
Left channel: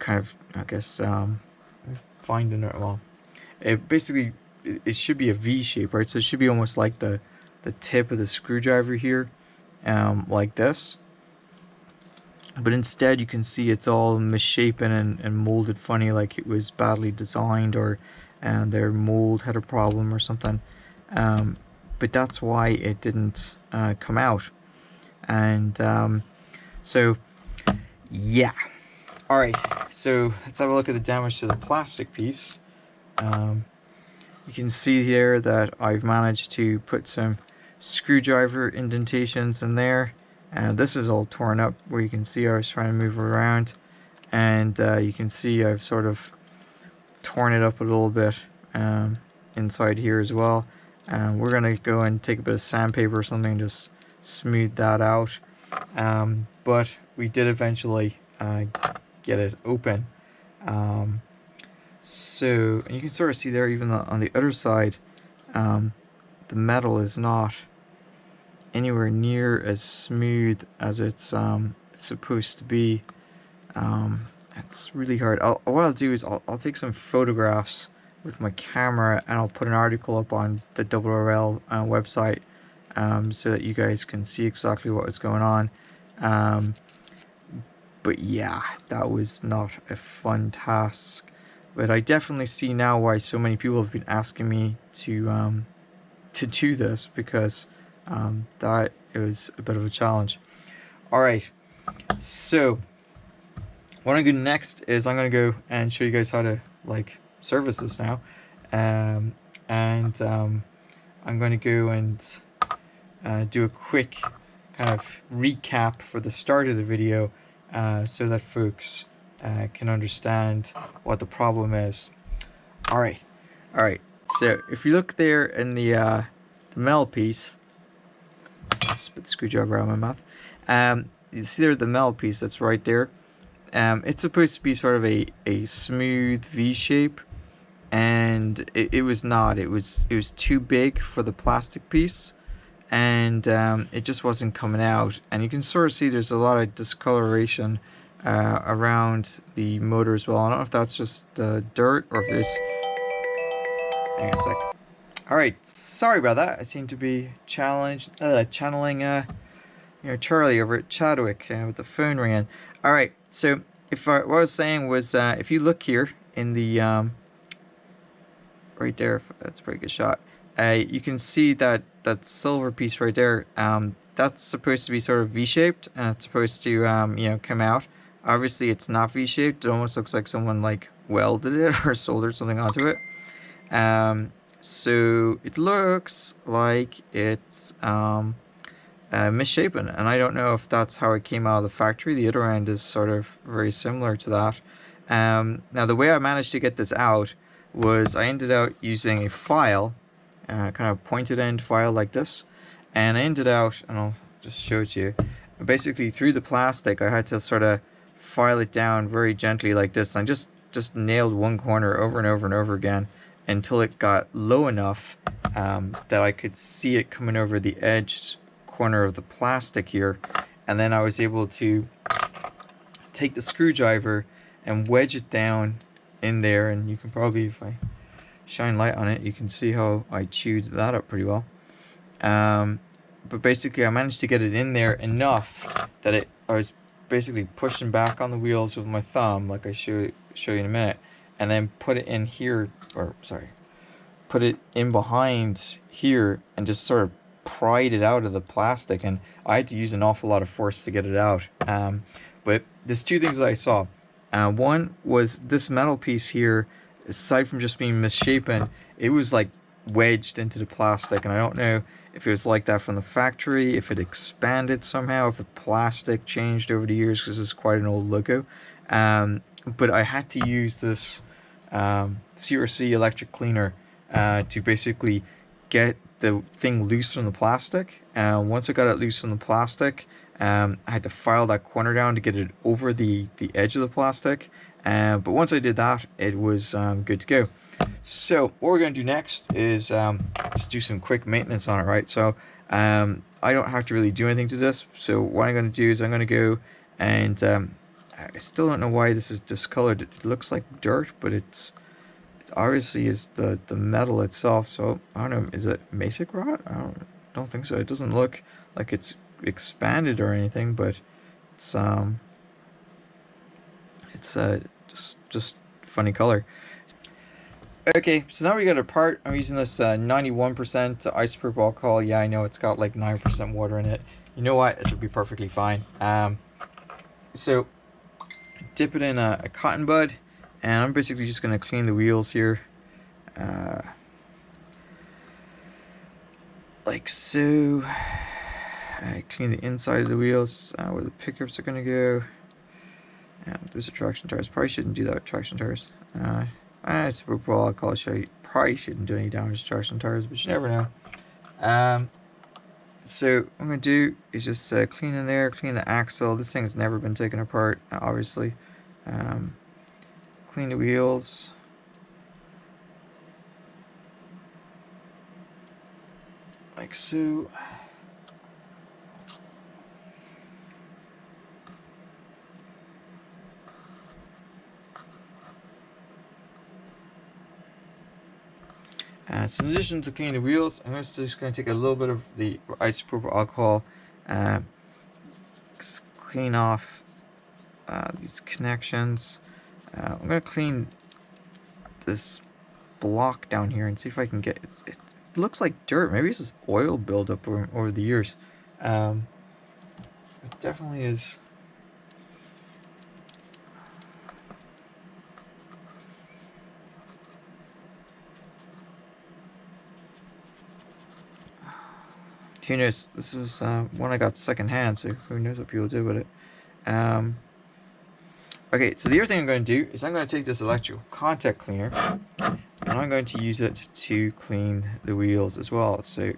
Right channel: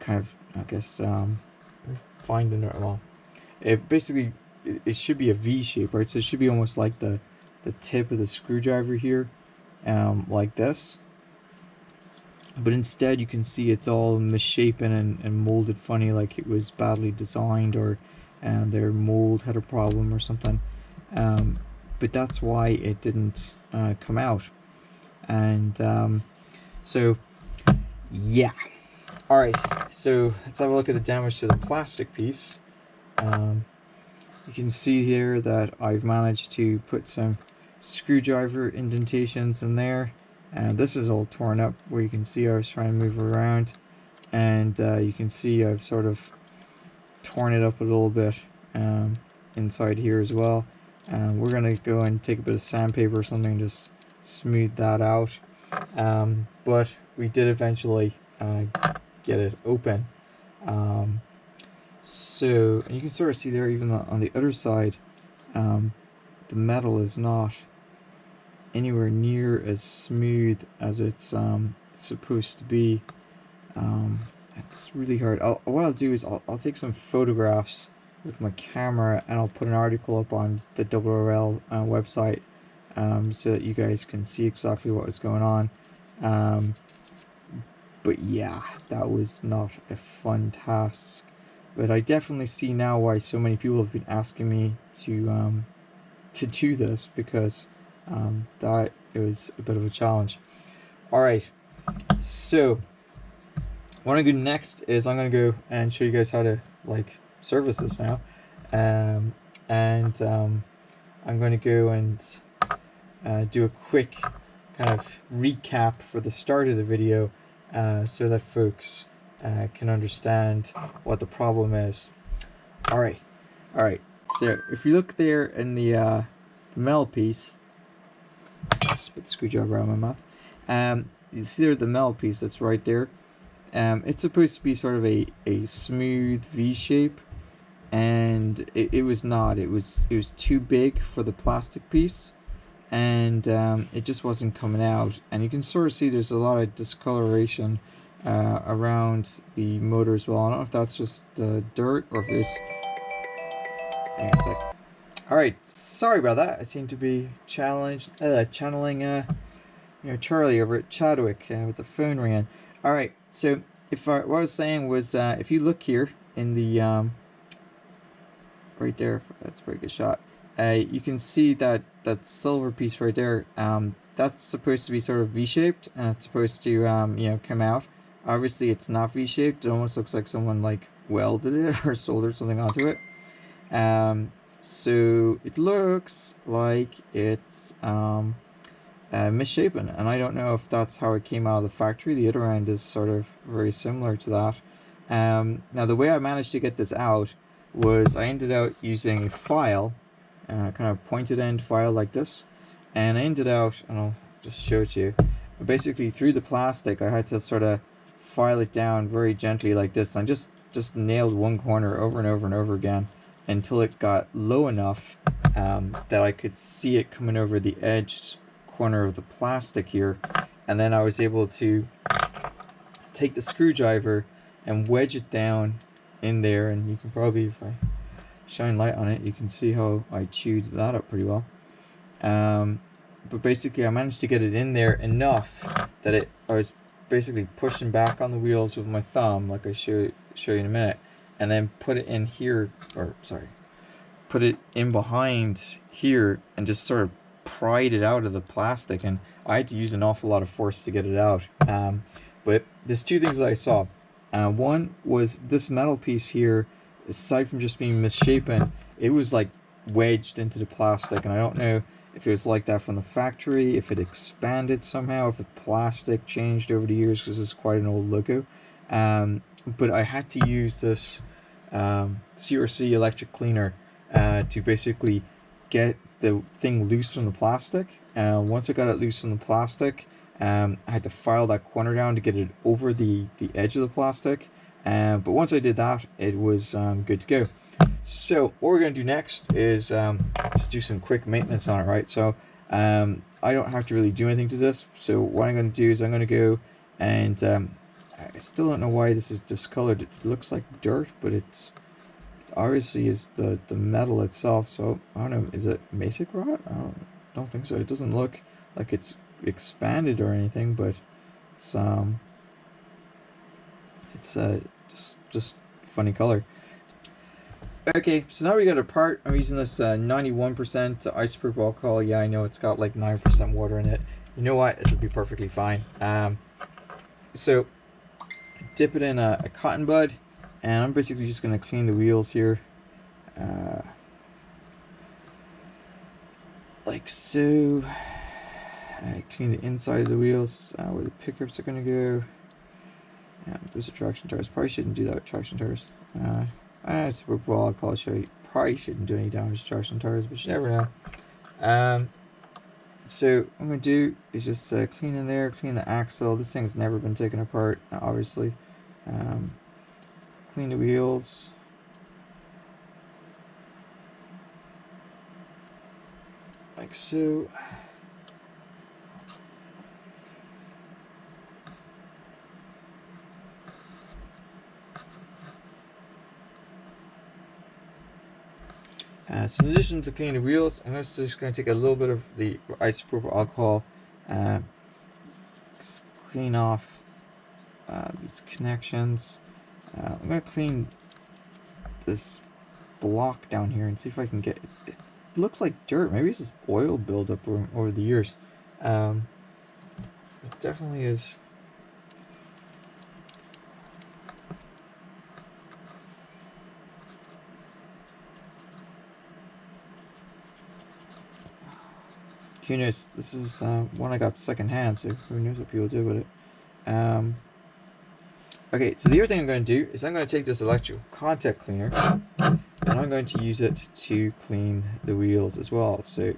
I guess finding it, well, it basically, it should be a V shape, right? So it should be almost like the tip of the screwdriver here, like this. But instead you can see it's all misshapen and molded funny, like it was badly designed, or their mold had a problem or something. But that's why it didn't come out. And so yeah, all right, so let's have a look at the damage to the plastic piece. You can see here that I've managed to put some screwdriver indentations in there, and this is all torn up where you can see I was trying to move it around, and you can see I've sort of torn it up a little bit inside here as well. We're gonna go and take a bit of sandpaper or something and just smooth that out, but we did eventually get it open. So, and you can sort of see there, even on the other side, the metal is not anywhere near as smooth as it's supposed to be. It's really hard. What I'll do is I'll take some photographs with my camera, and I'll put an article up on the oorail website, so that you guys can see exactly what is going on. But yeah, that was not a fun task. But I definitely see now why so many people have been asking me to do this, because that was a bit of a challenge. Alright, so what I'm going to do next is I'm going to go and show you guys how to like service this now. I'm going to go and do a quick kind of recap for the start of the video, so that folks can understand what the problem is. Alright, so if you look there in the metal piece, spit the screwdriver out of my mouth, you see there the metal piece that's right there. It's supposed to be sort of a smooth V shape, and it was not. It was too big for the plastic piece, and it just wasn't coming out. And you can sort of see there's a lot of discoloration around the motor as well. I don't know if that's just dirt or if there's... Hang on a sec. Alright, sorry about that. I seem to be channeling Charlie over at Chadwick with the phone ringing. Alright, so what I was saying was, if you look here in the right there, that's a pretty good shot. You can see that silver piece right there. That's supposed to be sort of V-shaped, and it's supposed to you know, come out. Obviously, it's not V-shaped. It almost looks like someone like welded it or soldered something onto it. So it looks like it's misshapen, and I don't know if that's how it came out of the factory. The other end is sort of very similar to that. Now the way I managed to get this out was I ended up using a file, kind of pointed end file like this, and I ended out, and I'll just show it to you, basically through the plastic I had to sort of file it down very gently like this, and just nailed one corner over and over and over again until it got low enough that I could see it coming over the edge corner of the plastic here. And then I was able to take the screwdriver and wedge it down in there, and you can probably, if I shine light on it, you can see how I chewed that up pretty well. But basically I managed to get it in there enough that I was basically pushing back on the wheels with my thumb, like I show you in a minute, and then put it in here, or sorry, put it in behind here, and just sort of pried it out of the plastic. And I had to use an awful lot of force to get it out. But there's two things that I saw. One was this metal piece here, aside from just being misshapen, it was like wedged into the plastic, and I don't know if it was like that from the factory, if it expanded somehow, if the plastic changed over the years, because this is quite an old logo. But I had to use this CRC electric cleaner to basically get the thing loose from the plastic. Once I got it loose from the plastic, I had to file that corner down to get it over the edge of the plastic. But once I did that, it was good to go. So what we're going to do next is just do some quick maintenance on it, right? So I don't have to really do anything to this. So what I'm going to do is I'm going to go and I still don't know why this is discolored. It looks like dirt, but it's obviously is the metal itself. So I don't know, is it Masic rot? I don't think so. It doesn't look like it's expanded or anything, but it's just funny color. Okay, so now we got a part. I'm using this 91% isopropyl alcohol. Yeah, I know it's got like 9% water in it. You know what? It should be perfectly fine. So dip it in a cotton bud, and I'm basically just going to clean the wheels here. Like so. I clean the inside of the wheels, where the pickups are going to go. And those are traction tires. Probably shouldn't do that with traction tires. Isopropyl alcohol probably shouldn't do any damage to traction tires, but you never know. So what I'm going to do is just clean in there, clean the axle. This thing has never been taken apart, obviously. Clean the wheels. like so. So in addition to cleaning the wheels, I'm also just going to take a little bit of the isopropyl alcohol, clean off these connections. I'm going to clean this block down here and see if I can get it. It looks like dirt. Maybe it's just oil buildup over the years. It definitely is. Who knows? This was one I got secondhand, so who knows what people do with it. Okay, so the other thing I'm going to do is I'm going to take this electrical contact cleaner and I'm going to use it to clean the wheels as well. So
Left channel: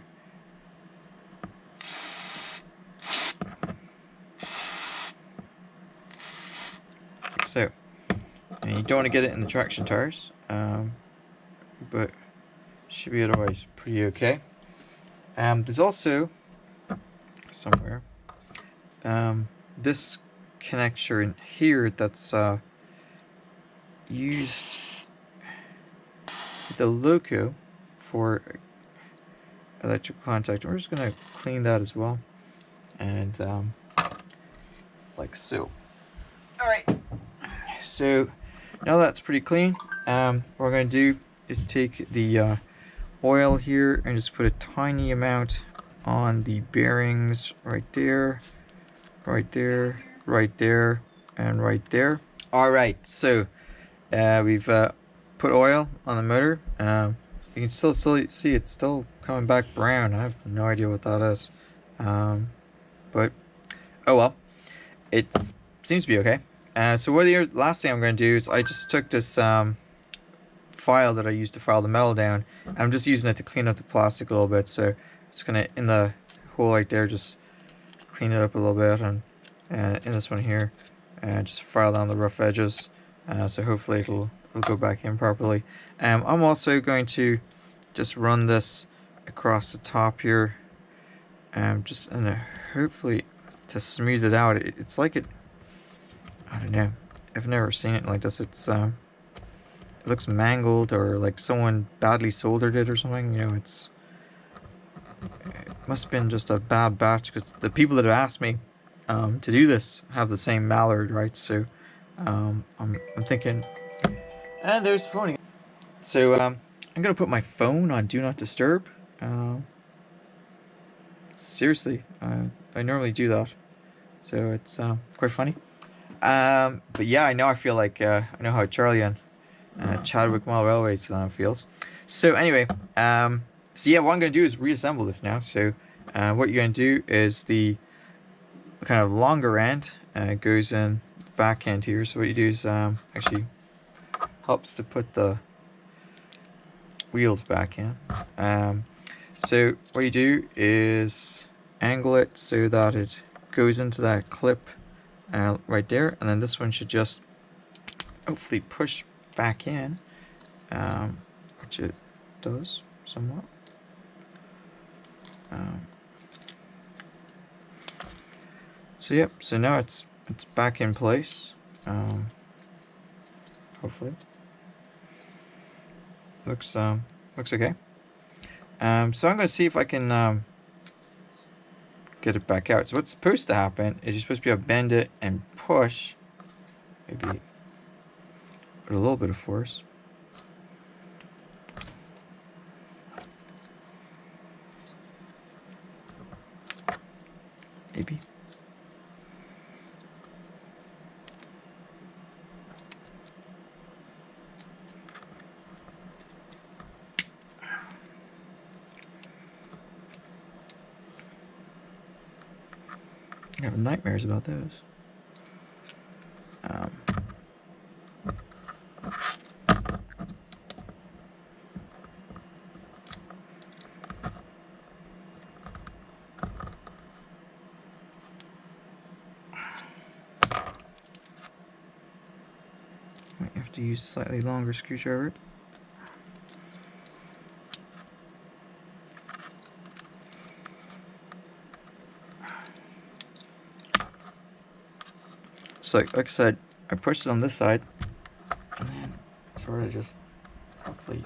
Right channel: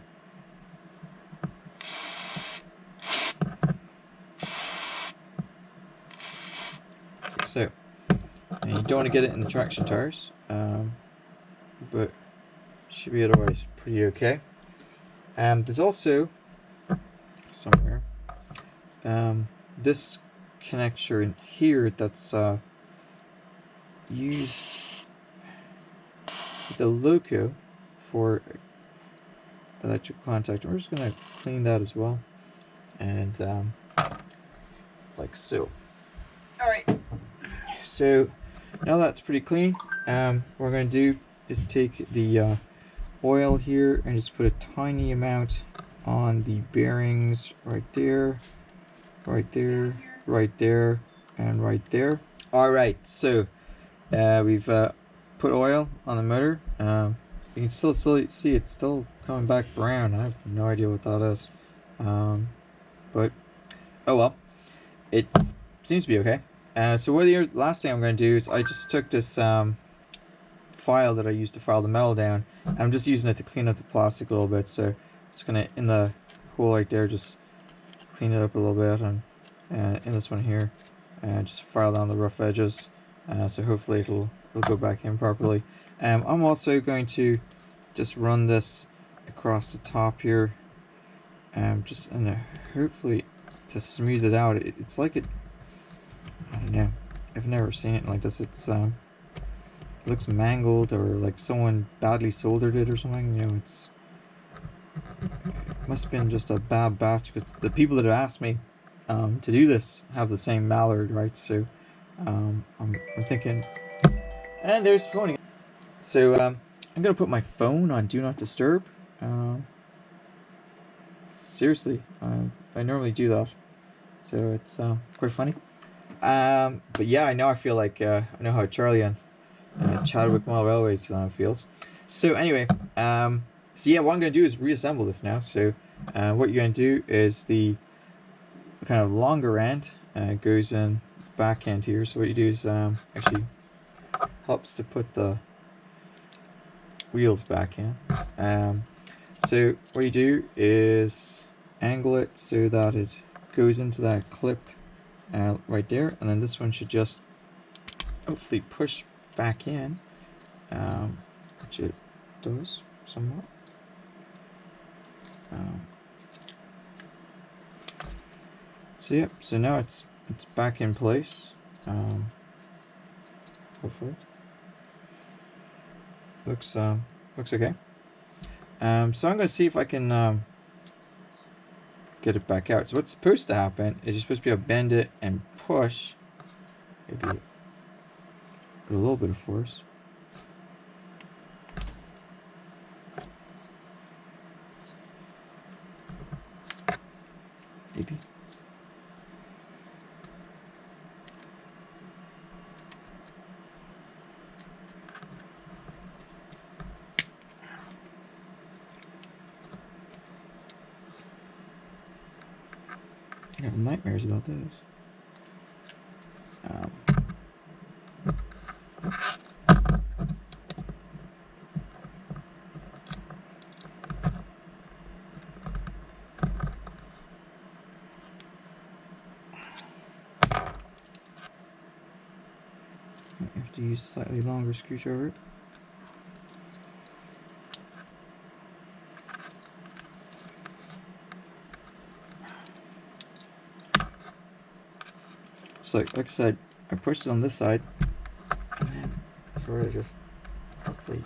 and you don't want to get it in the traction tires, but should be otherwise pretty okay. There's also somewhere this connector in here that's used the logo for electrical contact. We're just gonna clean that as well, and like so. All right. So now that's pretty clean. What we're gonna do is take the oil here and just put a tiny amount on the bearings right there, right there, right there, and right there. All right, so we've put oil on the motor. You can still see it's still coming back brown. I have no idea what that is, but oh well, it seems to be okay. So what the last thing I'm going to do is I just took this file that I used to file the metal down, and I'm just using it to clean up the plastic a little bit. So just gonna, in the hole right there, just clean it up a little bit, and in this one here, and just file down the rough edges. So hopefully it'll go back in properly. I'm also going to just run this across the top here, just hopefully to smooth it out. It's like it, I don't know, I've never seen it like this. It's it looks mangled, or like someone badly soldered it or something. You know, it must have been just a bad batch, because the people that have asked me to do this have the same mallard, right? So I'm thinking, and there's the phone again. So I'm gonna put my phone on do not disturb. Seriously, I normally do that, so it's quite funny. But yeah, I feel like I know how Charlie and Chadwick Mall Railways feels. So anyway, so yeah, what I'm going to do is reassemble this now. So what you're going to do is the kind of longer end goes in the back end here. So what you do is actually helps to put the wheels back in. So what you do is angle it so that it goes into that clip right there, and then this one should just hopefully push back in, which it does somewhat. So yep, so now it's back in place. Hopefully looks okay. So I'm going to see if I can get it back out. So what's supposed to happen is you're supposed to be able to bend it and push, maybe with a little bit of force. Maybe. I have nightmares about those. Might have to use a slightly longer screwdriver. So like I said, I pushed it on this side, and then sort of just hopefully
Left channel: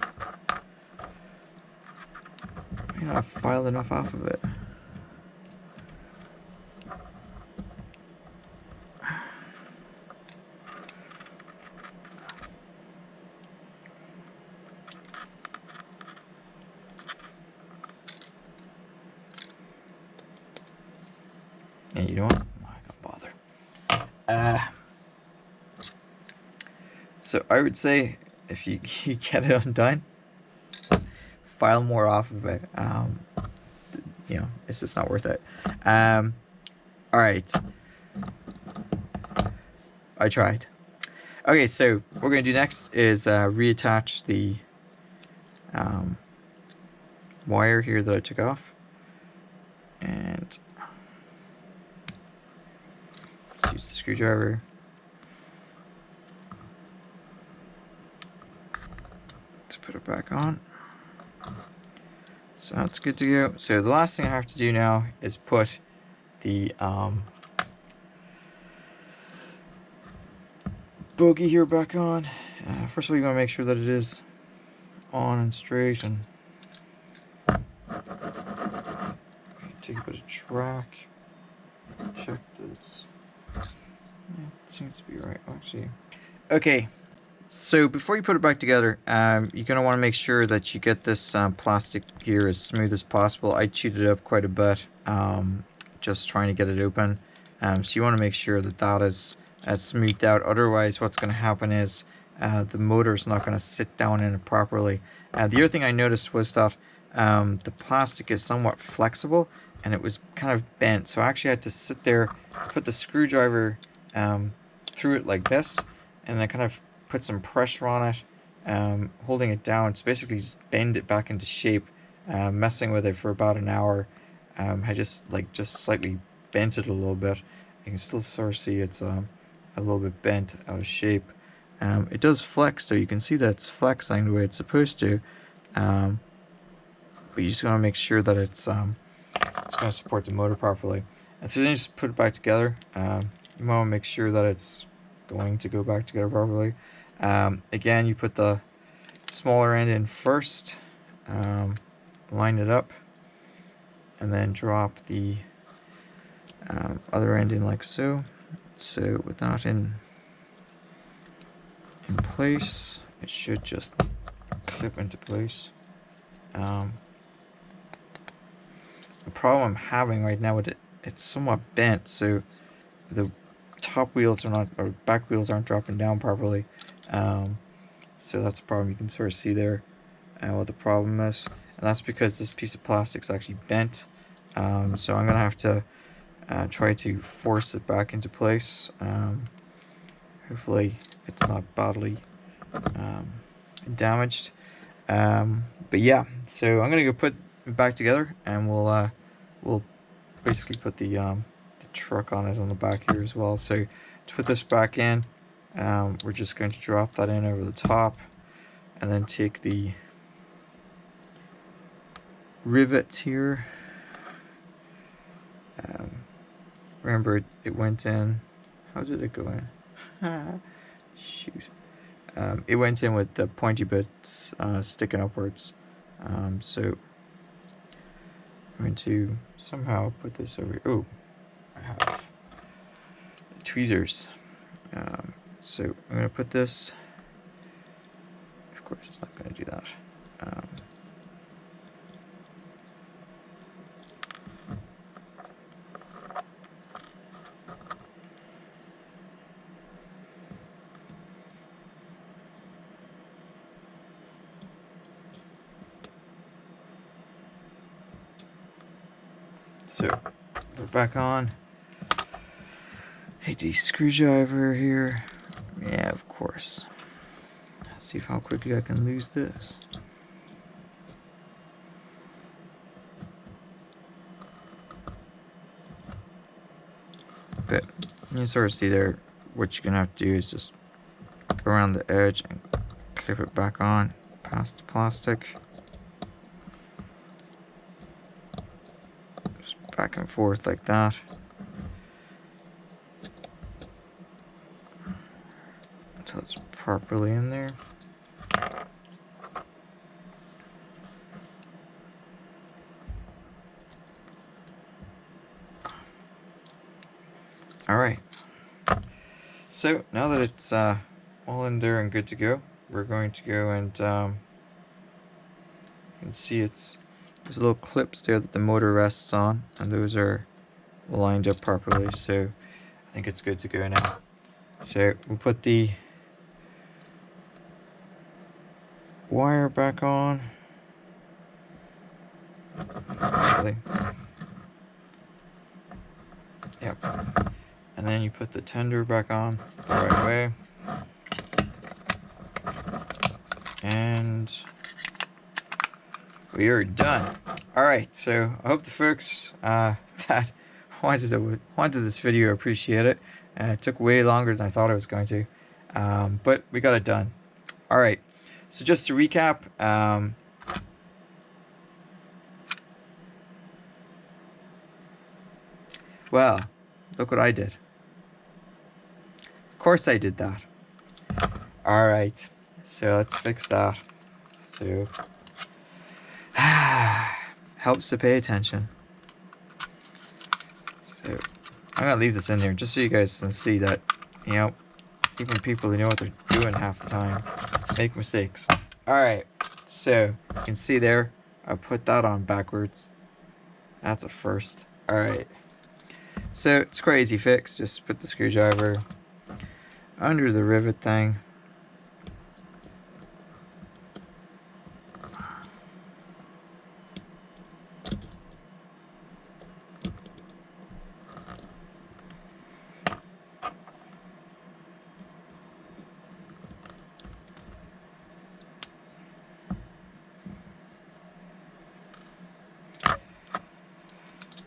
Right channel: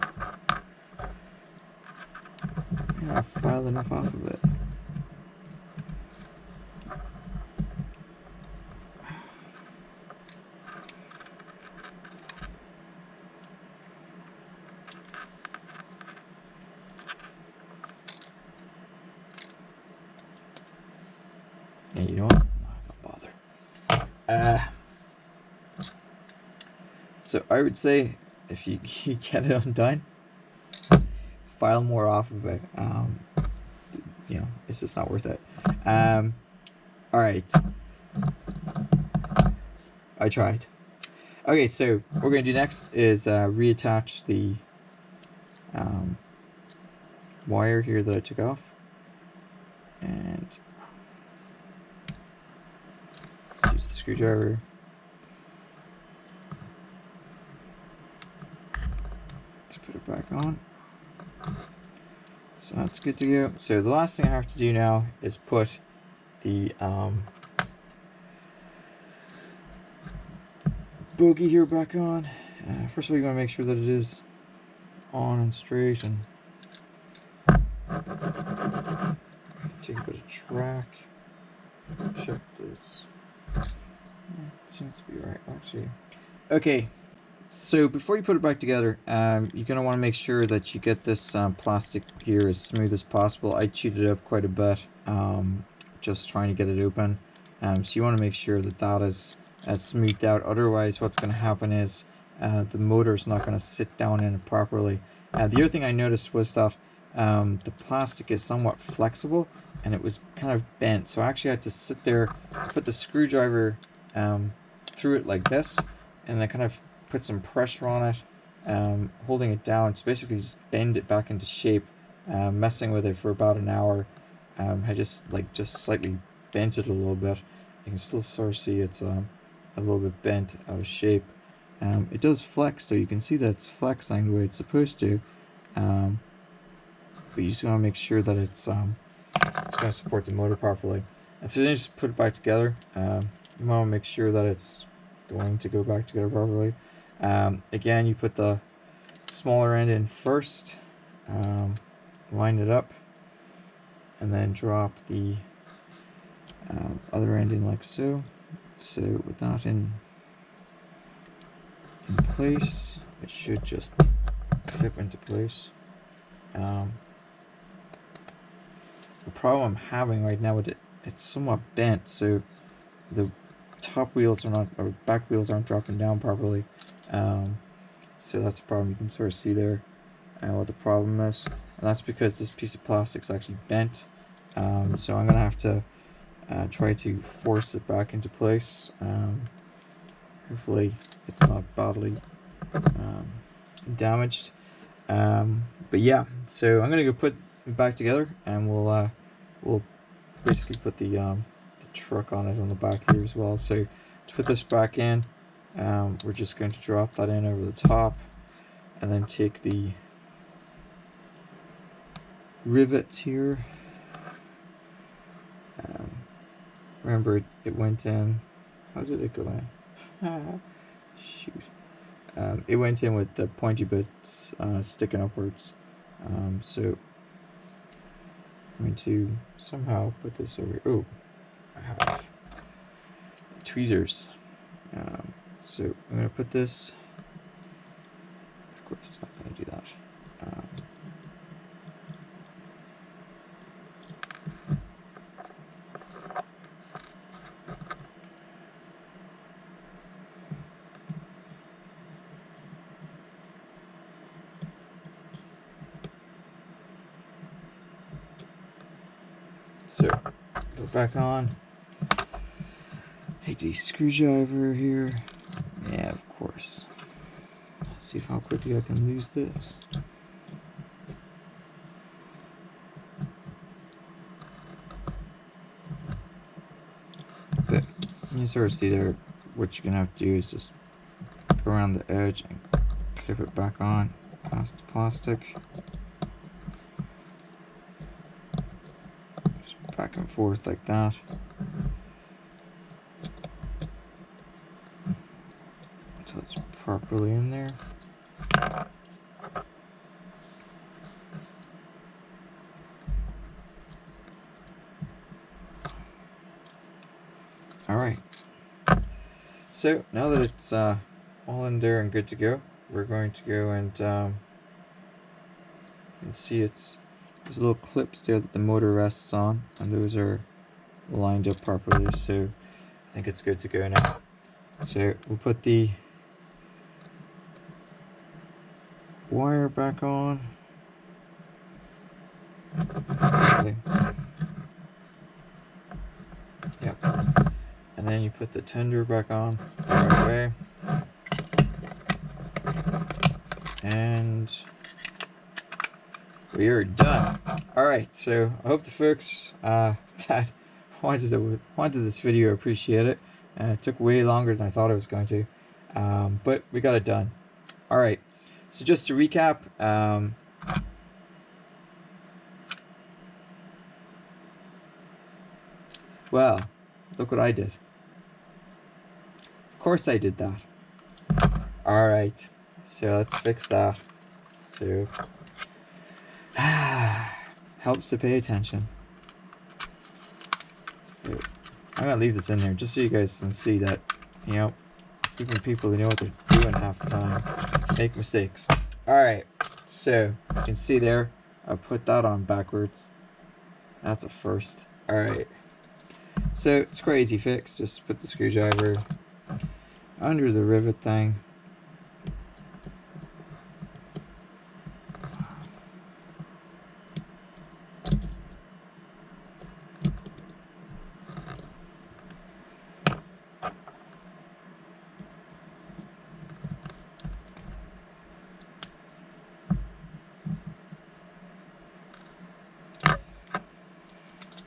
I filed enough off of it. And you know what? I'm not gonna bother. So I would say if you get it undone, file more off of it. You know, it's just not worth it. All right, I tried. Okay, so what we're gonna do next is reattach the wire here that I took off, and let's use the screwdriver. To put it back on. So that's good to go. So the last thing I have to do now is put the Bogie here back on. First of all, you're going to make sure that it is on and straight, and take a bit of track. Check this. Yeah, it seems to be right, actually. Okay, so before you put it back together, you're going to want to make sure that you get this plastic here as smooth as possible. I chewed it up quite a bit, just trying to get it open. So you want to make sure that that is smoothed out. Otherwise, what's going to happen is the motor is not going to sit down in it properly. The other thing I noticed was that the plastic is somewhat flexible, and it was kind of bent. So I actually had to sit there, put the screwdriver through it like this, and then kind of put some pressure on it, holding it down. So basically just bend it back into shape, messing with it for about an hour. I just slightly bent it a little bit. You can still sort of see it's a little bit bent out of shape. It does flex though. You can see that it's flexing the way it's supposed to, but you just want to make sure that it's going to support the motor properly. And so then you just put it back together. You want to make sure that it's going to go back together properly. Again, you put the smaller end in first, line it up, and then drop the other end in like so. So with that in place, it should just clip into place. The problem I'm having right now with it, it's somewhat bent, so the top wheels are not, or back wheels aren't dropping down properly. So that's a problem. You can sort of see there what the problem is, and that's because this piece of plastic is actually bent. So I'm gonna have to try to force it back into place. Hopefully it's not badly damaged. But yeah, so I'm gonna go put it back together, and we'll basically put the truck on it on the back here as well. So to put this back in, we're just going to drop that in over the top, and then take the rivet here. Remember, it went in. How did it go in? Shoot. It went in with the pointy bits sticking upwards. So I'm going to somehow put this over. Oh, I have tweezers. So I'm going to put this. Of course, it's not going to do that. So, put it back on. Hey, the screwdriver here. Yeah, of course. See how quickly I can lose this. But you can sort of see there, what you're gonna have to do is just go around the edge and clip it back on past the plastic. Just back and forth like that. properly in there. Alright, so now that it's all in there and good to go, we're going to go and you can see there's little clips there that the motor rests on, and those are lined up properly, so I think it's good to go now. So we'll put the wire back on. Hopefully. Yep. And then you put the tender back on the right way. And we are done. Alright, so I hope the folks that wanted this video appreciate it. It took way longer than I thought it was going to. But we got it done. Alright, so just to recap, well, look what I did. Of course I did that. Alright, so let's fix that. So, helps to pay attention. So, I'm going to leave this in here just so you guys can see that, you know, even people who know what they're doing half the time make mistakes. Alright, so you can see there, I put that on backwards. That's a first. Alright. So it's quite easy fix. Just put the screwdriver under the rivet thing.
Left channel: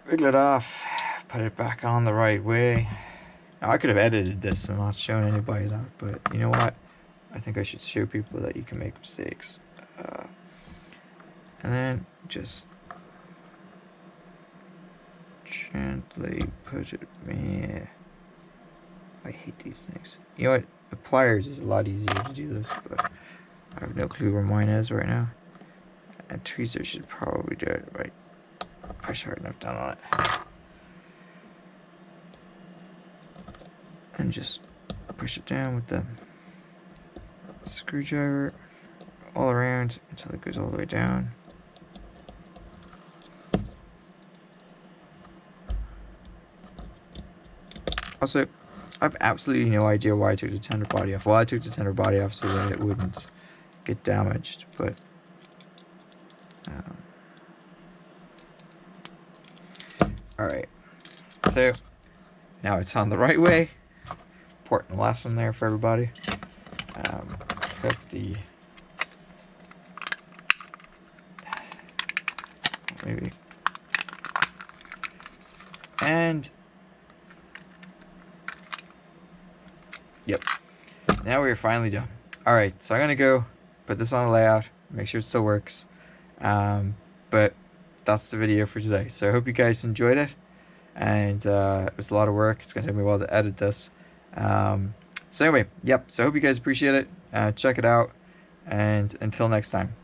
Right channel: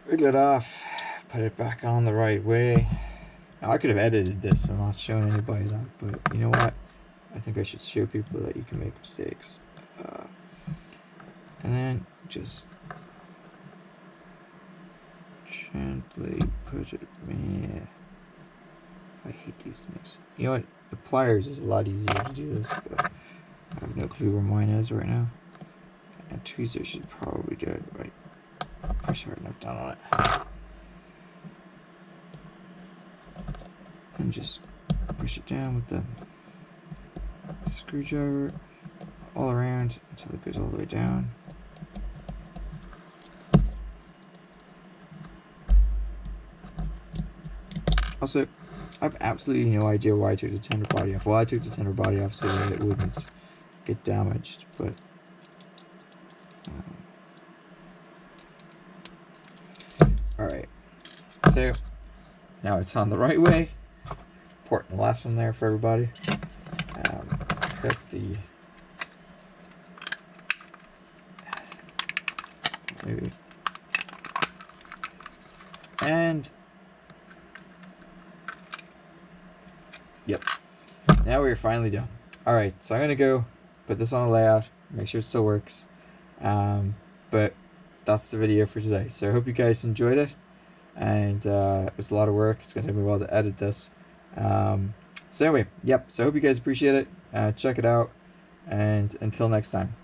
Wiggle it off. Put it back on the right way. Now, I could have edited this and not shown anybody that, but you know what? I think I should show people that you can make mistakes. And then just gently put it in. I hate these things. You know what? The pliers is a lot easier to do this, but I have no clue where mine is right now. And tweezer should probably do it right. Push hard enough down on it. And just push it down with the screwdriver all around until it goes all the way down. Also, I have absolutely no idea why I took the tender body off. Well, I took the tender body off so that it wouldn't get damaged, but alright, so now it's on the right way. Important lesson there for everybody. Put the maybe and yep. Now we're finally done. Alright, so I'm gonna go put this on the layout, make sure it still works. But that's the video for today. So I hope you guys enjoyed it, and it was a lot of work. It's gonna take me a while to edit this. So anyway, yep, so I hope you guys appreciate it. Check it out, and until next time.